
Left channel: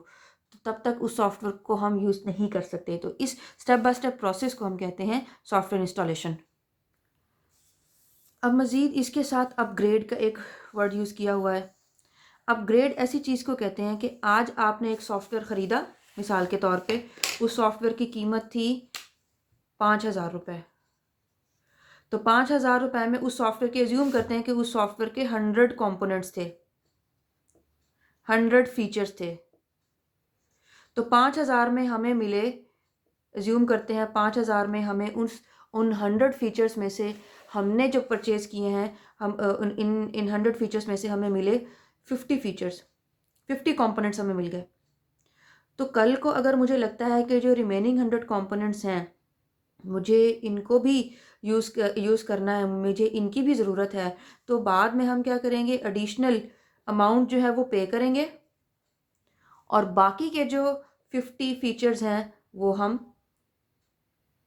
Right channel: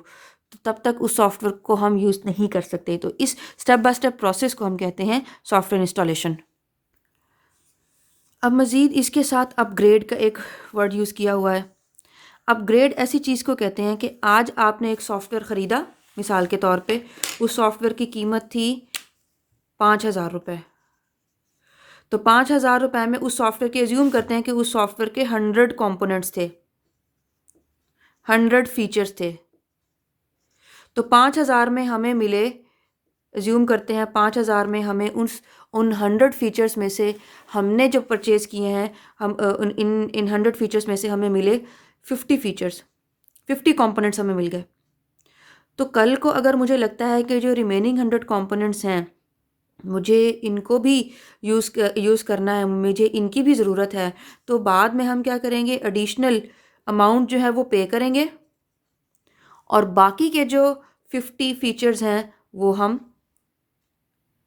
तो तब तक उस सॉफ्टवेयर को हम यूज़ नहीं कर सकते। तो इस स्टेप बाय स्टेप प्रोसेस को हम कहते हैं सॉफ्टवेयर इंस्टॉलेशन। अब मज़ीद इसके साथ अपग्रेड का एक वर्ड यूज़ किया हुआ है। अपग्रेड ऐसी चीज़ को कहते हैं कि आज आपने एक सॉफ्टवेयर ख़रीदा, मिसाल के तौर पे उस सॉफ्टवेयर की कीमत थी 5,000 रुपये। तो 5,000 रुपये में उस सॉफ्टवेयर की एज्यूम करते हैं कि उस सॉफ्टवेयर के 100 कंपोनेंट्स थे, 100 फीचर्स थे। तो 5,000 में हमें मिले, एज्यूम करते हैं 5,000 में हमें उन 100 फीचर्स में से हमने जो परचेज़ किए हैं, हम इन 100 फीचर्स में से हमें मिले 50 फीचर्स, 50 कंपोनेंट्स हमें मिल गए। तो कल को अगर मुझे लगता है कि जो रिमेनिंग 100 कंपोनेंट्स हैं, मुझे इनको भी यूज़ करना है, मुझे इनकी भी ज़रूरत है, तो बाद में हम क्या करेंगे, एडिशनल अमाउंट जो है वो पे करेंगे और बाकी के जो 50 फीचर्स हैं वो हम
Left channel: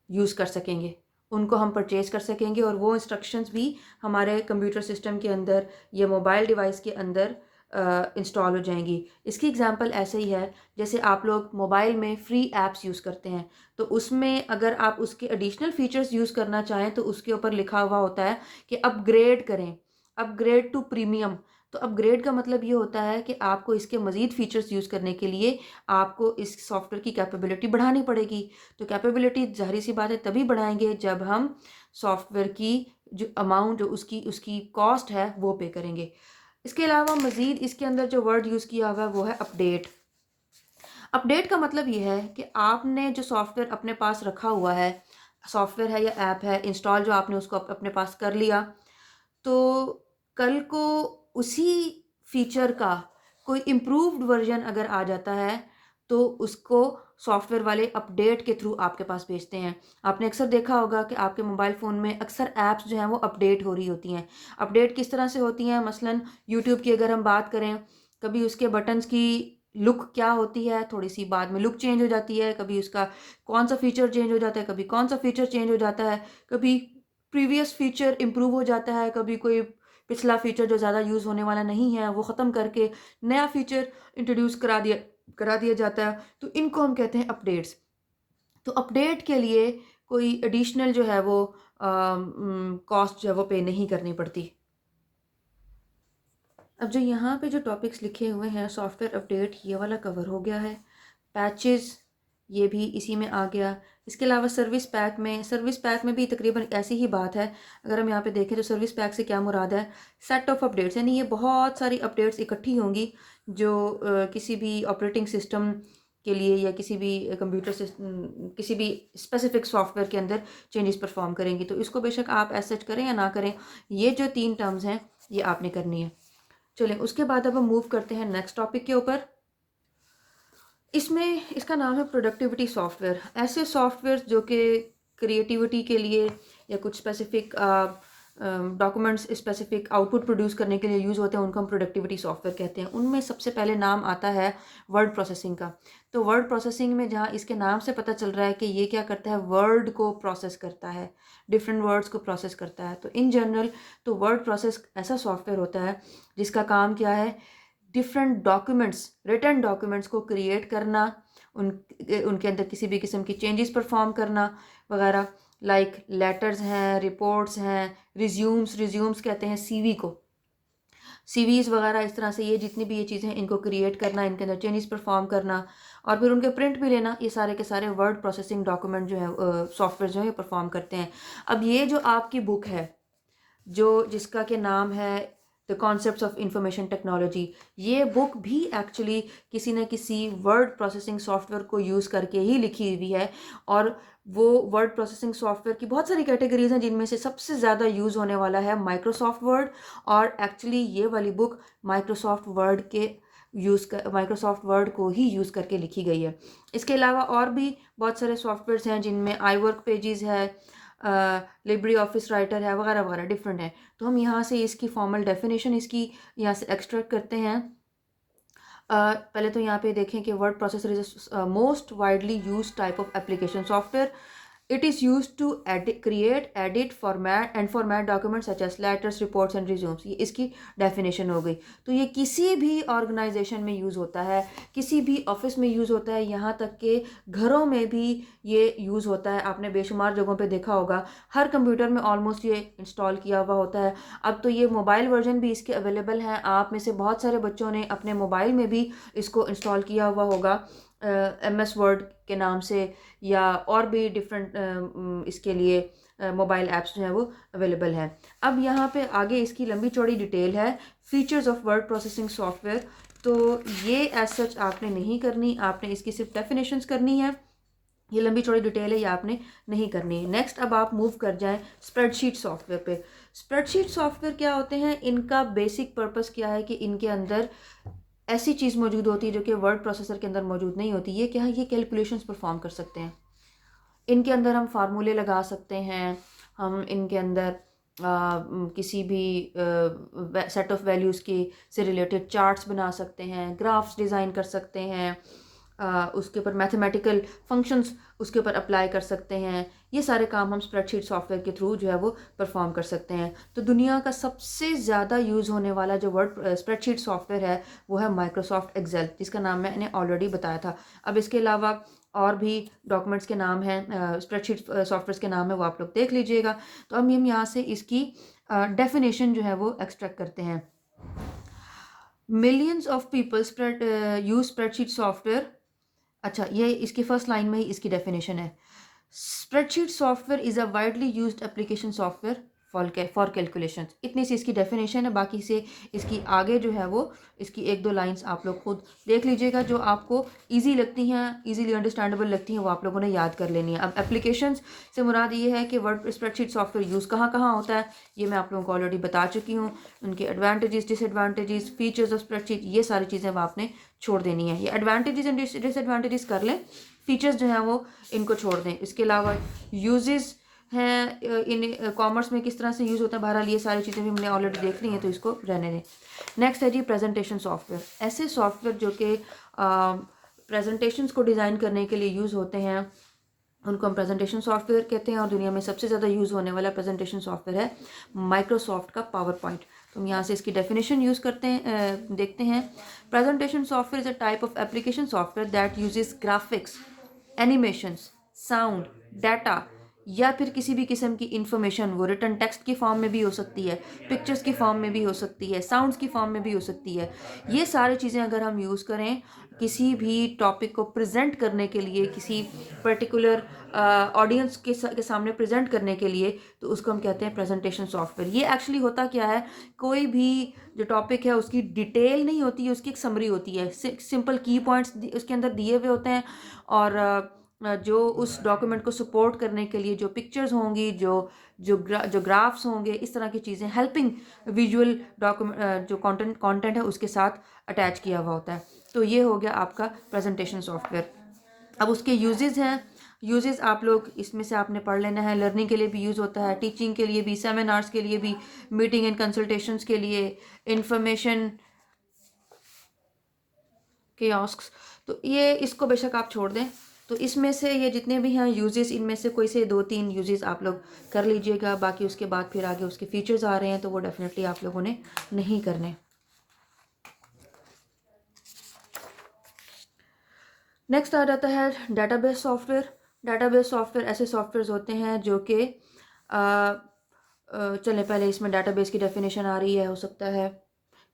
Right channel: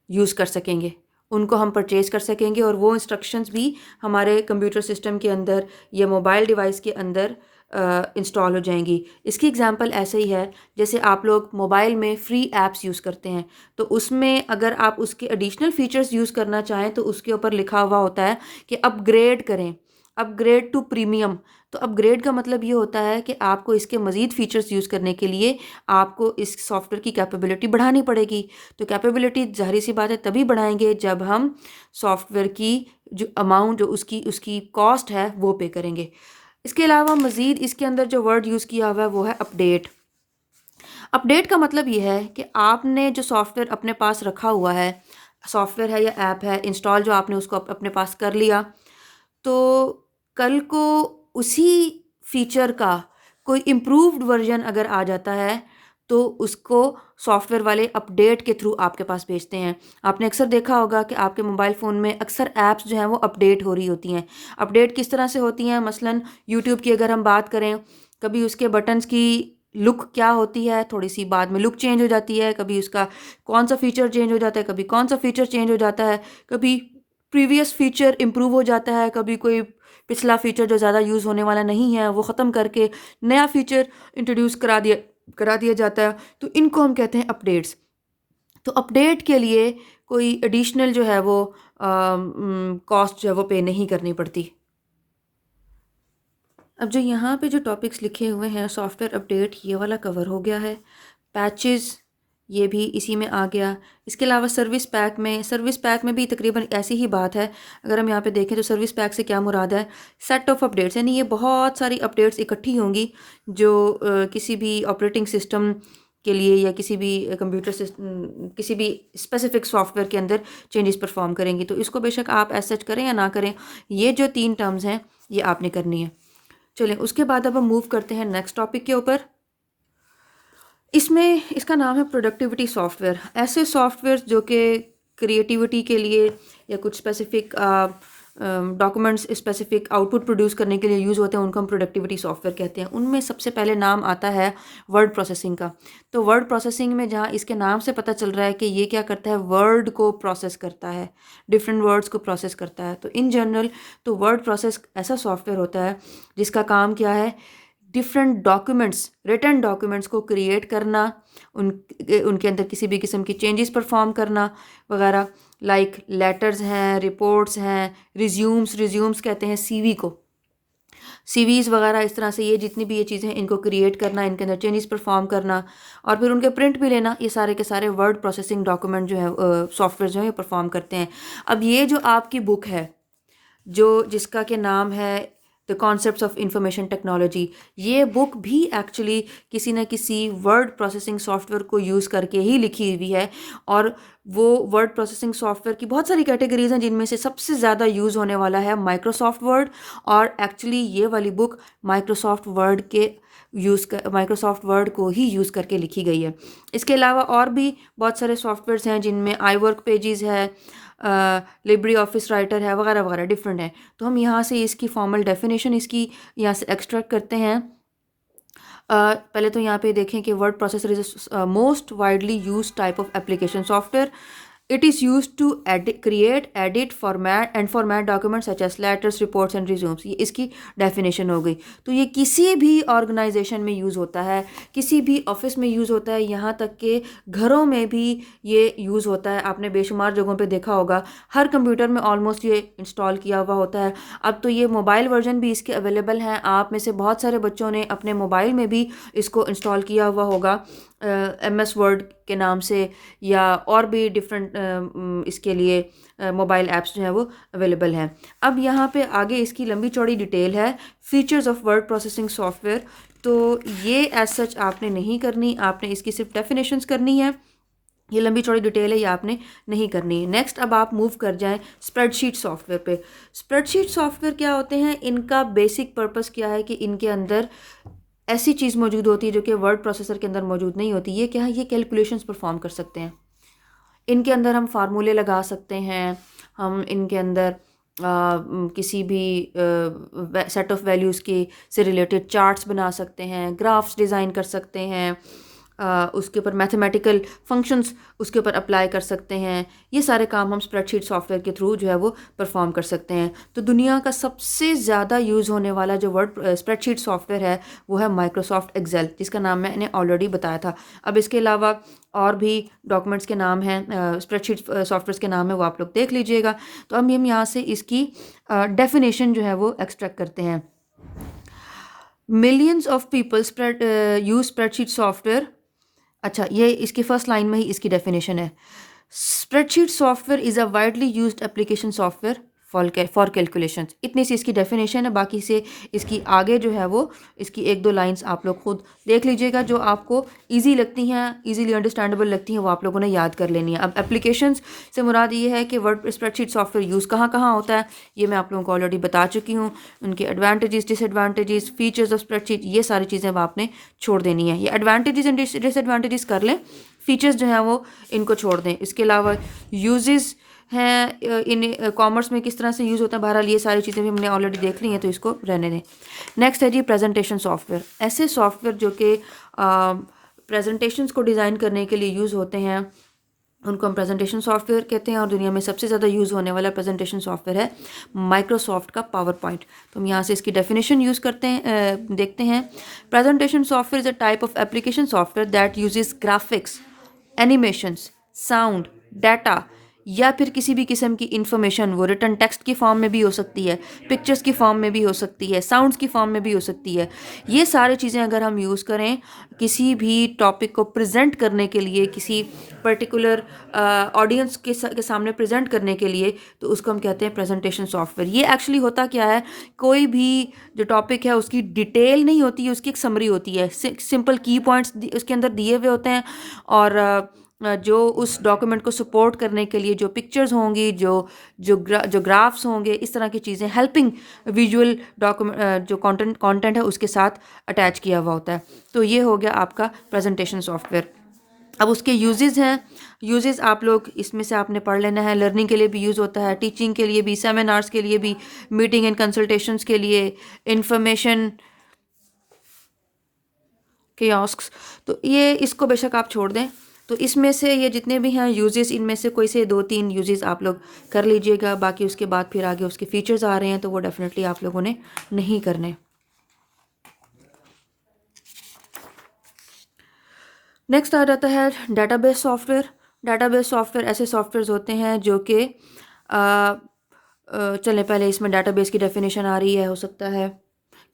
यूज़ कर सकेंगे, उनको हम परचेज़ कर सकेंगे और वो इंस्ट्रक्शंस भी हमारे कंप्यूटर सिस्टम के अंदर या मोबाइल डिवाइस के अंदर इंस्टॉल हो जाएंगी। इसकी एग्जांपल ऐसे ही है जैसे आप लोग मोबाइल में फ्री ऐप्स यूज़ करते हैं, तो उसमें अगर आप उसके एडिशनल फीचर्स यूज़ करना चाहें तो उसके ऊपर लिखा हुआ होता है कि अपग्रेड करें, अपग्रेड टू प्रीमियम। तो अपग्रेड का मतलब ये होता है कि आपको इसके मज़ीद फ़ीचर्स यूज़ करने के लिए आपको इस सॉफ्टवेयर की कैपेबिलिटी बढ़ानी पड़ेगी। तो कैपेबिलिटी ज़ाहिर सी बात है तभी बढ़ाएंगे जब हम सॉफ्टवेयर की जो अमाउंट, जो उसकी उसकी कॉस्ट है वो पे करेंगे। इसके अलावा मज़ीद इसके अंदर जो वर्ड यूज़ किया हुआ है वो है अपडेट। अपडेट का मतलब ये है कि आपने जो सॉफ्टवेयर अपने पास रखा हुआ है, सॉफ्टवेयर है या ऐप है, इंस्टॉल जो आपने उसको अपने पास कर लिया, तो कल को उसी फीचर का कोई इम्प्रूव्ड वर्जन अगर आ जाता है तो उसको सॉफ्टवेयर वाले अपडेट के थ्रू आपके पास भेजते हैं। आपने अक्सर देखा होगा कि आपके मोबाइल फ़ोन में अक्सर ऐप्स जो हैं वो अपडेट हो रही होती हैं। अपडेट किस तरह से होती हैं? मसलन यूट्यूब की अगर हम बात करें, कभी उसके बटन्स की लुक क्या होती है, थोड़ी सी बाद में लुक चेंज हो जाती है, कभी उसका कौन सा फ़ीचर चेंज हो जाता है, कभी कौन सा फ़ीचर चेंज हो जाता है, कभी प्रीवियस फ़ीचर इम्प्रूव हो जाता है, कभी कोई पिछला फ़ीचर जो ज़्यादा यूज़ होने वाला नहीं है वो ख़त्म करके नया फ़ीचर इंट्रोड्यूस करा दिया जाता है। तो इनको हम कहते हैं अपडेट्स। तो अपडेट के लिए कोई एडिशनल जो है वो कॉस्ट जो है वो पे नहीं करनी पड़ती। अब जो यहाँ पे जो टॉपिक्स लिखे हुए हैं, सॉफ्टवेयर अपडेट ये वाला कवर हो गया है। पैचेस ये भी इसी में आ गया। इसके अलावा सर्विस पैक में भी तकरीबन ऐसी ही बात है। अगर हम यहाँ पे देखें तो सर्विस पैक से क्या मुराद है, सेट ऑफ अपडेट्स, यानी ये बहुत सारी अपडेट्स इकट्ठी होंगी जो किसी भी ऑपरेटिंग सिस्टम के लिए या किसी भी कंप्यूटर सिस्टम, किसी भी स्पेसिफिक सॉफ्टवेयर के अंदर चेंजेस परफॉर्म करेंगी। तो इसको बेशक आप एज सच करें या ना करें, ये जो 3 टर्म्स हैं ये आपने करनी है। चलें, उसके बाद अब हम मूव करते हैं नेक्स्ट टॉपिक के ऊपर। इसमें इसका नाम है प्रोडक्टिविटी सॉफ्टवेयर। ऐसे सॉफ्टवेयर जो कि क्रिएटिविटी के लिए या कुछ specific documents specific output produce करने के लिए यूज़ होते हैं, उनको हम प्रोडक्टिविटी सॉफ्टवेयर कहते हैं। उनमें सबसे पहले नाम आता है वर्ड प्रोसेसिंग का। तो वर्ड प्रोसेसिंग में जहाँ इसके नाम से पता चल रहा है कि ये क्या करता है, वर्ड को प्रोसेस करता है, डिफरेंट वर्ड्स को प्रोसेस करता है। तो इन जनरल तो वर्ड प्रोसेस ऐसा सॉफ्टवेयर होता है जिसका काम क्या है, डिफरेंट डॉक्यूमेंट्स, रिटन डॉक्यूमेंट्स को क्रिएट करना, उन उनके अंदर किसी भी किस्म की चेंजेस परफॉर्म करना वगैरह। लाइक लेटर्स हैं, रिपोर्ट्स हैं, रिज्यूम्स कहते हैं सीवी को, सीवीज़ वगैरह, इस तरह से ये जितनी भी ये चीज़ें हैं इनको क्रिएट करना, इनके अंदर चेंजेस परफॉर्म करना और फिर उनके प्रिंट भी लेना, ये सारे के सारे वर्ड प्रोसेसिंग डॉक्यूमेंट जो है सॉफ्टवेयर जो है ये परफॉर्म करते हैं। अब ये जो आपकी बुक है जो जिसका के नाम है the concepts of information technology, ये बुक भी एक्चुअली किसी न किसी वर्ड प्रोसेसिंग सॉफ्टवेयर को यूज़ करके ही लिखी हुई है। और वो वर्ड प्रोसेसिंग सॉफ्टवेयर की बहुत सारी कैटेगरीज हैं जिनमें से सबसे ज़्यादा यूज़ होने वाला है माइक्रोसॉफ्ट वर्ड। और एक्चुअली ये वाली बुक माइक्रोसॉफ्ट वर्ड को ही यूज़ करके लिखी गई है। इसके अलावा और भी बहुत सारे सॉफ्टवेयर्स हैं जिनमें आई वर्क पेजेस है, लिब्रे ऑफिस राइटर है, वगैरह वगैरह डिफरेंट है। तो हम यहाँ से इसकी फॉर्मल डेफिनेशन इसकी यहाँ से एक्सट्रैक्ट करते हैं। पहले तो यहाँ पे देखें कि word processor is most widely use type of application software. It is use to create, edit, format and format documents such as letters, reports and resumes. ये इसकी डेफिनेशन हो गई। तो ये किसी भी ऑर्गेनाइजेशन में यूज़ होता है, किसी भी ऑफिस में यूज़ होता है, यहाँ तक कि घरों में भी ये यूज़ होता है। आपने बेशुमार जगहों पे देखा होगा, हर कंप्यूटर में ऑलमोस्ट ये इंस्टॉल किया हुआ होता है। अब तो ये मोबाइल वर्जन भी इसके अवेलेबल हैं। आप में से बहुत सारे बच्चों ने अपने मोबाइल में भी इसको इंस्टॉल किया हुआ होगा MS वर्ड के नाम से, या और भी डिफरेंट इसके लिए मोबाइल ऐप्स जो हैं वो अवेलेबल हैं। अब यहाँ पे आगे इसकी लंबी चौड़ी डिटेल है, features of word processing software. तो ये एज सच आपने नहीं करनी, आपने इसकी सिर्फ डेफिनेशंस करनी है। ये लंबी चौड़ी डिटेल है, ये आपने नहीं करनी है। नेक्स्ट अब आप मूव कर जाएं स्प्रेडशीट सॉफ्टवेयर पे। स्प्रेडशीट सॉफ्टवेयर क्या होते हैं, इनका बेसिक पर्पस क्या है कि इनके अंदर ऐसी चीज़ मौजूद होती है जो कि वर्ड प्रोसेसर के अंदर मौजूद नहीं होती। ये क्या है, ये कैलकुलेशंस परफॉर्म कर सकते हैं। इनके अंदर हम फार्मूले लगा सकते हैं, हम इनके अंदर किसी भी सेट ऑफ वैल्यूज़ के से रिलेटेड चार्ट्स बना सकते हैं, ग्राफ्स डिज़ाइन कर सकते हैं, उसके ऊपर मैथमेटिकल फंक्शंस उसके ऊपर अप्लाई कर सकते हैं। ये सारे काम हम स्प्रेडशीट सॉफ्टवेयर के थ्रू जो है वो परफॉर्म कर सकते हैं। तो दुनिया का सबसे ज़्यादा यूज़ होने वाला जो स्प्रेडशीट सॉफ्टवेयर है वो है माइक्रोसॉफ्ट एक्सेल, जिसका नाम मैंने ऑलरेडी बताया था। अब इसके अलावा और भी डॉक्यूमेंट्स के नाम हैं, स्प्रेडशीट सॉफ्टवेयर के नाम है, वो आप लोग देख लीजिएगा। तो अब हम यहाँ से इसकी डेफिनेशन जो है वो एक्सट्रैक्ट करते हैं। Millions of people use spreadsheet software. अच्छा, ये इसकी फर्स्ट लाइन में ही इसकी डेफिनेशन है। Spreadsheet software is a widely used application software for calculations. इतनी सी इसकी डेफिनेशन है। बाकी से इसकी आगे जो है वो इसकी 1-2 लाइंस आप लोग खुद देख लीजिएगा, जो आपको इजी लगती हैं, इजीली अंडरस्टैंडेबल लगती हैं, वो आप लोगों ने याद कर लेनी है। अब एप्लीकेशंस से मुराद ये है कि वर्ड स्प्रेडशीट सॉफ्टवेयर यूज़ कहाँ कहाँ होता है, ये मैं आप लोगों को ऑलरेडी बता चुकी हूँ। उनके advantages, disadvantages, features of spreadsheet, ये सारी चीज़ें अब आपने छोड़ देनी है। ये एडवांटेजेस एंड डिसएडवांटेजेस कर लें, फीचर्स जो हैं वो इनको छोड़ दें। इसके अलावा यूजेस हैं, इन कॉमर्स में किस तरह से यूज़ होता है, बहरहाल ये सारी चीज़ें भी हमने ऑलरेडी देख ली हैं, तो इसको रहने दें। नेक्स्ट है जी प्रेजेंटेशन सॉफ्टवेयर। ऐसे सॉफ्टवेयर जो कि प्रेजेंटेशंस को डिज़ाइन करने के लिए यूज़ होते हैं, उनको हम प्रेजेंटेशन सॉफ्टवेयर कहते हैं। और दुनिया में सबसे ज़्यादा यूज़ होने वाला प्रेजेंटेशन सॉफ्टवेयर है माइक्रोसॉफ्ट का पावर पॉइंट। तो हम यहाँ से इसकी डेफिनेशन यूज़ करते हैं, देखते हैं। Presentation software is a type of application software that uses graphics, animations, sound, data या फिर किसी भी किस्म की इंफॉर्मेशन, वो रिटन टेक्स्ट की फॉर्म में भी हो सकती है, पिक्चर्स की फॉर्म में भी हो सकती है, साउंड्स की फॉर्म में भी हो सकती है। ये सारी चीज़ें अगर हम यूज़ करें किसी भी टॉपिक को प्रेजेंट करने के लिए, किसी पर्टिकुलर ऑडियंस के सामने प्रेजेंट करने के लिए, तो उसको हम कहते हैं प्रेजेंटेशन सॉफ्टवेयर। ये एक्चुअली होता क्या है, कोई भी जो टॉपिक है उसकी डिटेल नहीं होती है, उसकी एक समरी होती है, सिंपल की पॉइंट्स उसके अंदर दिए हुए होते हैं, और जो उस डॉक्यूमेंट को सपोर्ट करने के लिए जो पिक्चर्स होंगी, जो ग्राफ्स होंगे, इस तरह की चीज़ें, हेल्पिंग विजुअल डॉक्यूमेंट जो कंटेंट है उसके साथ अटैच किया हुआ होता है। तो ये हो गया आपका प्रेजेंटेशन सॉफ्टवेयर। अब उसके यूजेस हैं। यूजेस आप लोग इसमें से आपने पढ़ लेना है। लर्निंग के लिए भी यूज़ होता है, टीचिंग के लिए भी, सेमिनार्स के लिए भी, मीटिंग एंड कंसल्टेशंस के लिए, इंफॉर्मेशन कियोस्क्स। तो ये इसको बेशक आप छोड़ दें। तो इसमें से ये जितने भी हैं यूजेस, इनमें से कोई से 2-3 यूजेस आप लोग कर लीजिएगा। बाकी उसके बाद फिर आगे उसके फीचर्स आ रहे हैं तो वो डेफिनेटली आप लोगों ने नहीं करने। नेक्स्ट आ जाता है डेटाबेस सॉफ्टवेयर। डेटाबेस सॉफ्टवेयर ऐसे सॉफ्टवेयर्स होते हैं जो कि चलें पहले इसमें डेटाबेस की डेफिनेशन आ रही है, हो सकता है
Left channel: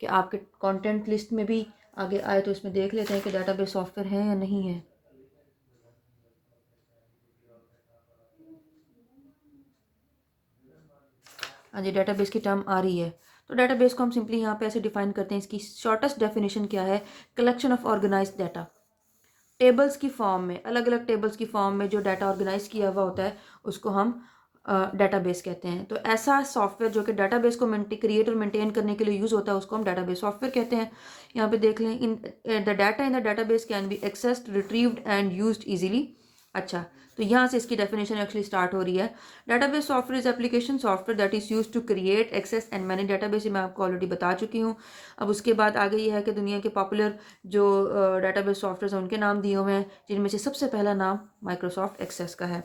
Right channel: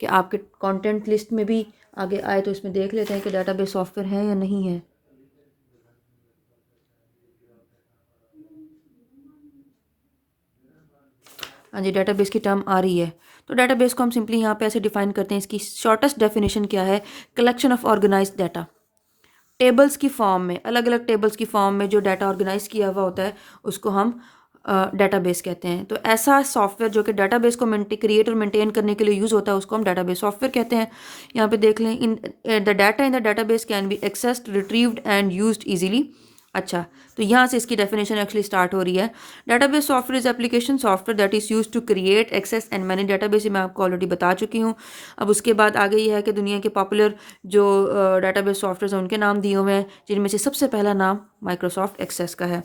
कि आपके कंटेंट लिस्ट में भी आगे आए, तो इसमें देख लेते हैं कि डेटाबेस सॉफ्टवेयर है या नहीं है। हाँ जी, डेटाबेस की टर्म आ रही है। तो डेटाबेस को हम सिंपली यहाँ पे ऐसे डिफाइन करते हैं, इसकी शॉर्टेस्ट डेफिनेशन क्या है, collection of organised data. Tables की फॉर्म में, अलग अलग टेबल्स की फॉर्म में जो डाटा ऑर्गेनाइज किया हुआ होता है उसको हम डेटाबेस कहते हैं। तो ऐसा सॉफ्टवेयर जो कि डेटाबेस को क्रिएट और मेंटेन करने के लिए यूज़ होता है उसको हम डेटाबेस सॉफ्टवेयर कहते हैं। यहाँ पे देख लें, in the data in the database can be accessed, retrieved and used easily. अच्छा, तो यहाँ से इसकी डेफिनेशन एक्चुअली स्टार्ट हो रही है। Database software is application software that is use to create, access and manage database. मैं आपको ऑलरेडी बता चुकी हूँ। अब उसके बाद आगे ये है कि दुनिया के पॉपुलर जो डेटाबेस सॉफ्टवेयर हैं उनके नाम दिए हुए हैं, जिनमें से सबसे पहला नाम माइक्रोसॉफ्ट एक्सेस का है।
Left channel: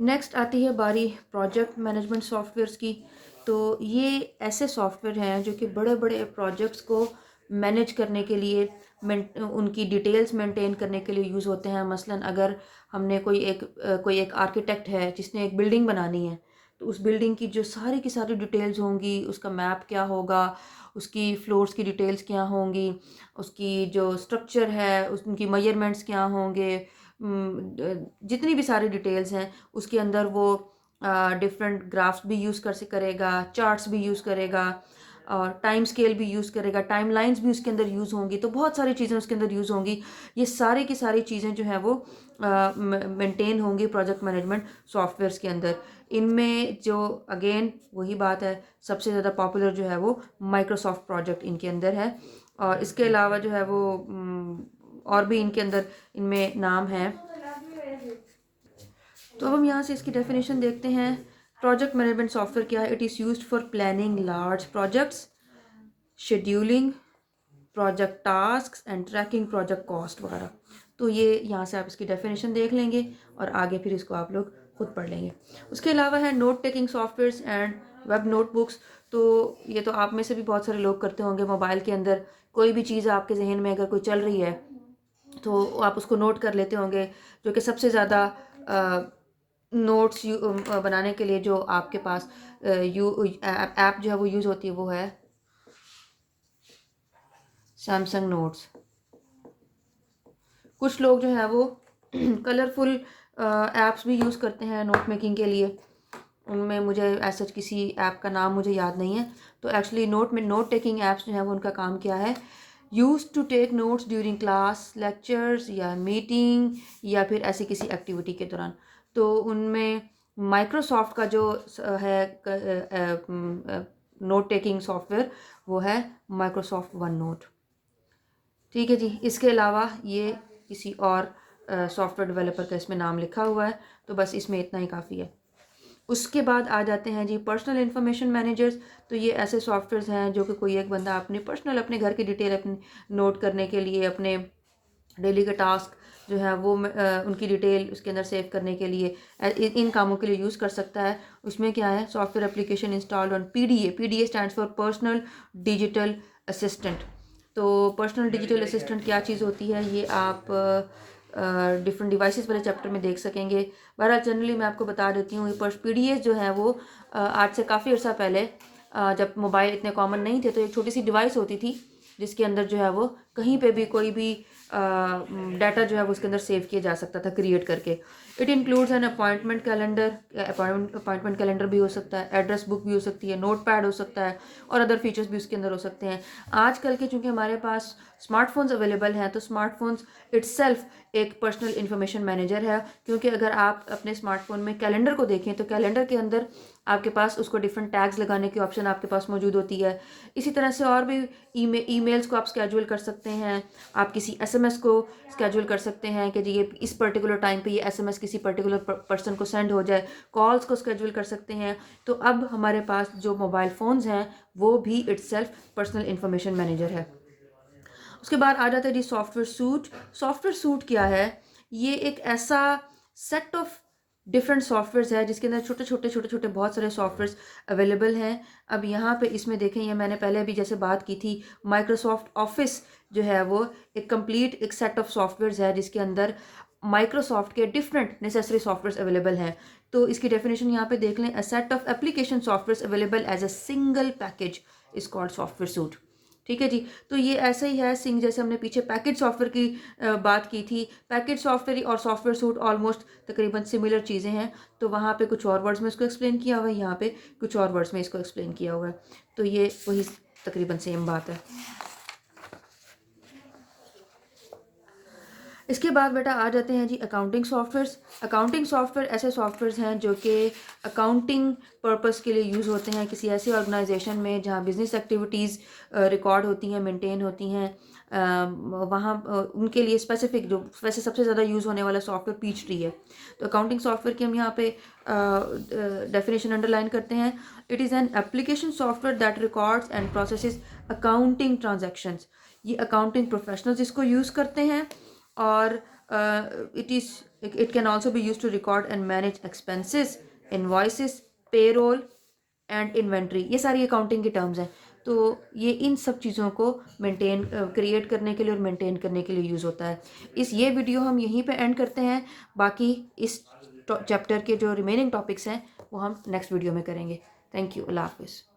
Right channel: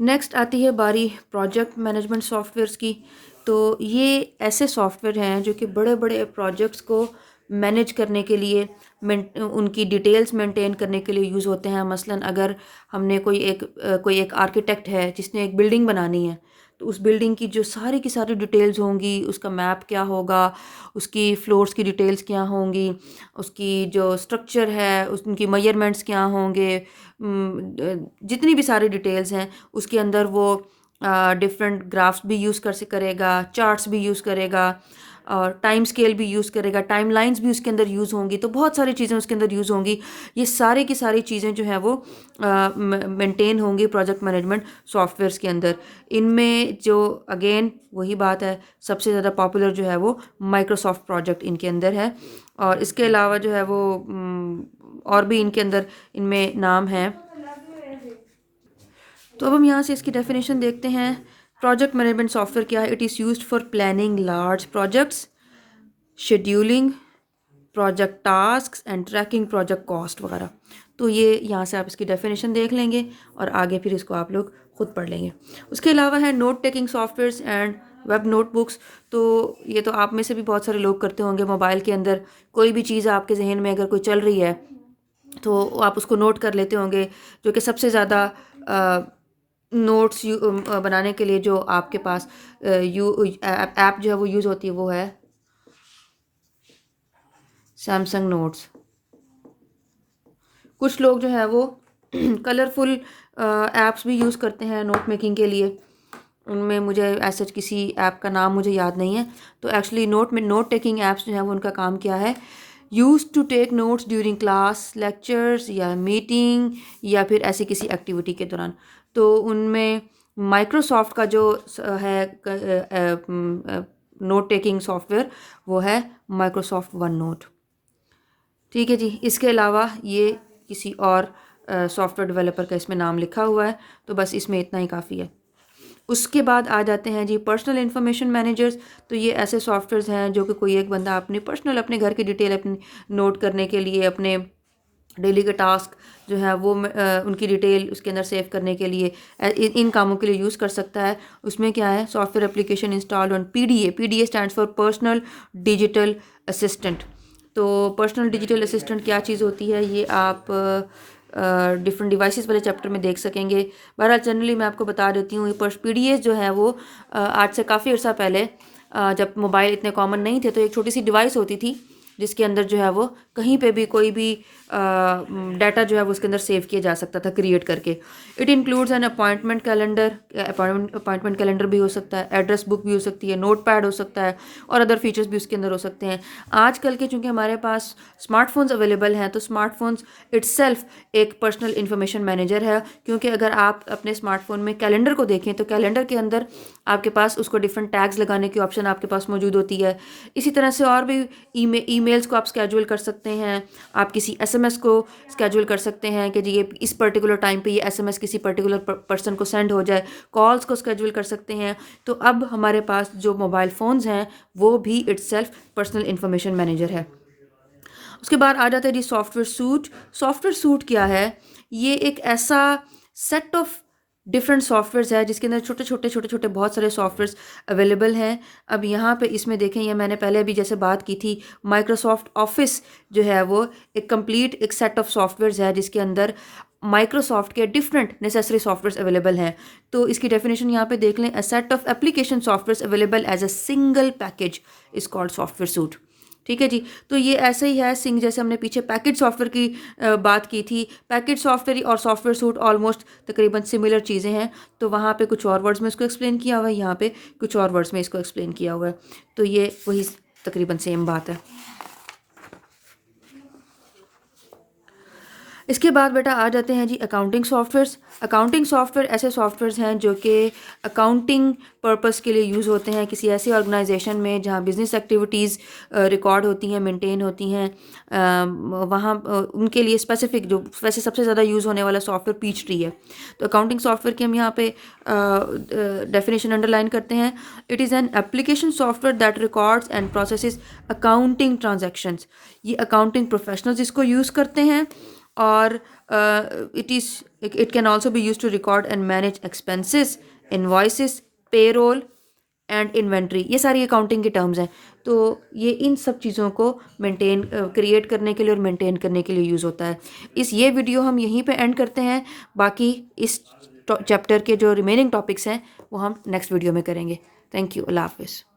नेक्स्ट आती है बारी प्रोजेक्ट मैनेजमेंट सॉफ्टवेयर्स की। तो ये ऐसे सॉफ्टवेयर हैं जो कि बड़े बड़े प्रोजेक्ट्स को मैनेज करने के लिए, उनकी डिटेल्स मेंटेन करने के लिए यूज़ होते हैं। मसलन अगर हमने कोई एक आर्किटेक्ट है जिसने एक बिल्डिंग बनानी है, तो उस बिल्डिंग की जो सारी की सारी डिटेल्स होंगी, उसका मैप क्या होगा, उसकी फ्लोर्स की डिटेल्स क्या होंगी, उसकी जो स्ट्रक्चर है उनकी मेजरमेंट्स क्या होंगे, जितनी भी सारी डिटेल्स हैं उसके अंदर वो डिफरेंट ग्राफ्स भी यूज़ करेगा, चार्ट्स भी यूज़ करेगा, और टाइम स्केल भी यूज़ करेगा, टाइम लाइन्स भी उसके अंदर यूज़ होंगी। तो बहुत सारी चीज़ें उसके अंदर यूज़ होंगी। ये सारे की सारी चीज़ें जो हैं वो मेंटेन होंगी प्रोजेक्ट मैनेजमेंट सॉफ्टवेयर्स के अंदर। इनमें जो अगेन वही बात है, सबसे ज़्यादा पॉपुलर जो है वो माइक्रोसॉफ्ट प्रोजेक्ट इनके अंदर है। और इसके अलावा जो है वो और भी इनके अंदर इनमें नाम हैं। तो अब हम यहाँ से इसकी डेफिनेशन देखते हैं। प्रोजेक्ट मैनेजमेंट सॉफ्टवेयर क्या है? It is used for planning large projects, scheduling project task and tracking project cost वगैरह। तो ये यहाँ से आप इसकी डेफिनेशन देख लेंगे और आगे फिर इसको आप लोग खुद पढ़ लेंगे। उसके अलावा है note taking softwares and web notebooks. तो ये तो आप में से भी बहुत सारे लोग करते होंगे। मोबाइल के अंदर कोई भी चीज़ आपके जहन में अगर कोई चल रही है तो आप उसको नोट कर लेते होंगे। जो कि सबसे ज़्यादा नोट्स बनाने के लिए जो आपके पास ऐप जो है वो यूज़ होती है वो है सैमसंग नोट्स। कुछ लोग जो है वो कलरफुल ऐप्स भी यूज़ करते हैं नोट मेकिंग के लिए। उनमें मुझे ऐसा किसी ऐप का नाम मुझे याद नहीं है। तो एक्चुअली नोट टेकिंग ऐप्स जो हैं वो उनका काम क्या है, use to take notes during class, lectures या मीटिंग, या फिर ऐसी किसी एक्टिविटी के दौरान। तो उनमें माइक्रोसॉफ्ट का जो है नोट टेकिंग सॉफ्टवेयर वो है माइक्रोसॉफ्ट वन नोट। ठीक है जी। इसके अलावा ये किसी और सॉफ्टवेयर डेवलपर का इसमें नाम लिखा हुआ है, तो बस इसमें इतना ही काफ़ी है। उसके बाद आ जाते हैं जी पर्सनल इन्फॉर्मेशन मैनेजर्स। तो ये ऐसे सॉफ्टवेयर्स हैं जो कि कोई एक बंदा अपने घर की डिटेल अपनी नोट करने के लिए, अपने डेली के टास्क जो है वो उनकी डिटेल उसके अंदर सेव करने के लिए इन कामों के लिए यूज़ कर सकता है। उसमें क्या है, software application install on PDA. PDA stands for personal digital assistant. तो पर्सनल डिजिटल असिस्टेंट क्या चीज़ होती है, ये आप डिफरेंट डिवाइसेस वाले चैप्टर में देख सकेंगे। बहरहाल जनरली मैं आपको बता देती हूँ, ये पीडीएस जो है वो आज से काफ़ी अर्सा पहले जब मोबाइल इतने कॉमन नहीं थे तो एक छोटी सी डिवाइस होती थी जिसके अंदर जो है वो कहीं पे भी कोई भी डाटा जो है वो उसके अंदर सेव किया जा सकता था क्रिएट करके। It includes an appointment calendar, appointment calendar भी हो सकता है, एड्रेस बुक भी हो सकती है, नोट पैड हो सकता है और अदर फीचर्स भी उसके अंदर हो सकते हैं। आजकल के चूँकि हमारे पास स्मार्टफोन्स अवेलेबल हैं तो स्मार्टफोन्स इट्सेल्फ एक पर्सनल इन्फॉर्मेशन मैनेजर है, क्योंकि अगर आप अपने स्मार्टफोन में कैलेंडर को देखें तो कैलेंडर के अंदर आपके पास उसको डिफरेंट टैग्स लगाने की ऑप्शन आपके पास मौजूद होती है। इसी तरह से और भी ईमेल्स को आप स्केड्यूल कर सकते हैं, आप किसी एसएमएस को स्केड्यूल कर सकते हैं कि जी ये इस पर्टिकुलर टाइम पे ये एसएमएस किसी पर्टिकुलर पर्सन को सेंड हो जाए, कॉल्स को स्केड्यूल कर सकते हैं। तो अब हमारे पास जो मोबाइल फ़ोन्स हैं वो भी इट्सेल्फ पर्सनल इन्फॉर्मेशन मैनेजर है। उसके बाद आ जाता है जी सॉफ्टवेयर सूट। सॉफ्टवेयर सूट क्या है? ये एक ऐसा सेट ऑफ डिफरेंट सॉफ्टवेयर्स है जिसके अंदर छोटे छोटे बहुत सारे सॉफ्टवेयर्स अवेलेबल हैं। अब यहाँ पे इसमें देखें, ये मैंने पहले अभी जैसे बात की थी, माइक्रोसॉफ्ट ऑफिस जो है वो एक कंप्लीट एक सेट ऑफ सॉफ्टवेयर्स है जिसके अंदर माइक्रोसॉफ्ट के डिफरेंट नेसेसरी सॉफ्टवेयर्स अवेलेबल हैं। तो इसकी डेफिनेशन यहाँ पे देख लें, a set of application softwares available as a single package is called software suite. ठीक है जी। तो ये ऐसे ही है सिंग, जैसे हमने पीछे पैकेज सॉफ्टवेयर की बात की थी। पैकेज सॉफ्टवेयर और सॉफ्टवेयर सूट ऑलमोस्ट तकरीबन सिमिलर चीज़ें हैं। तो वहाँ पे कुछ और वर्ड्स में इसको एक्सप्लेन किया हुआ है, यहाँ पे कुछ और वर्ड्स में इसको एक्सप्लेन किया हुआ है। तो ये वही तकरीबन सेम बात है। इसके बाद बेटा आ जाते हैं जी अकाउंटिंग सॉफ्टवेयर्स। अकाउंटिंग सॉफ्टवेयर ऐसे सॉफ्टवेयर्स हैं जो कि अकाउंटिंग पर्पस के लिए यूज़ होते हैं किसी ऐसी ऑर्गेनाइजेशन में जहाँ बिज़नेस एक्टिविटीज़ रिकॉर्ड होती हैं, मेंटेन होती हैं। वहाँ उनके लिए स्पेसिफिक जो वैसे सबसे ज़्यादा यूज़ होने वाला सॉफ्टवेयर पीच ट्री है। तो अकाउंटिंग सॉफ्टवेयर की हम यहाँ पे डेफिनेशन अंडरलाइन करते हैं। It is an application software that records and processes accounting transactions. ये अकाउंटिंग प्रोफेशनल्स इसको यूज़ करते हैं और it can also be used to record and manage expenses, invoices, payroll and inventory। ये सारी अकाउंटिंग के टर्म्स हैं। तो ये इन सब चीज़ों को मेंटेन क्रिएट करने के लिए और मेंटेन करने के लिए यूज़ होता है। ये वीडियो हम यहीं पे एंड करते हैं। बाकी इस चैप्टर के जो रिमेनिंग टॉपिक्स हैं वो हम नेक्स्ट वीडियो में करेंगे। Thank you. अल्लाह हाफिज़।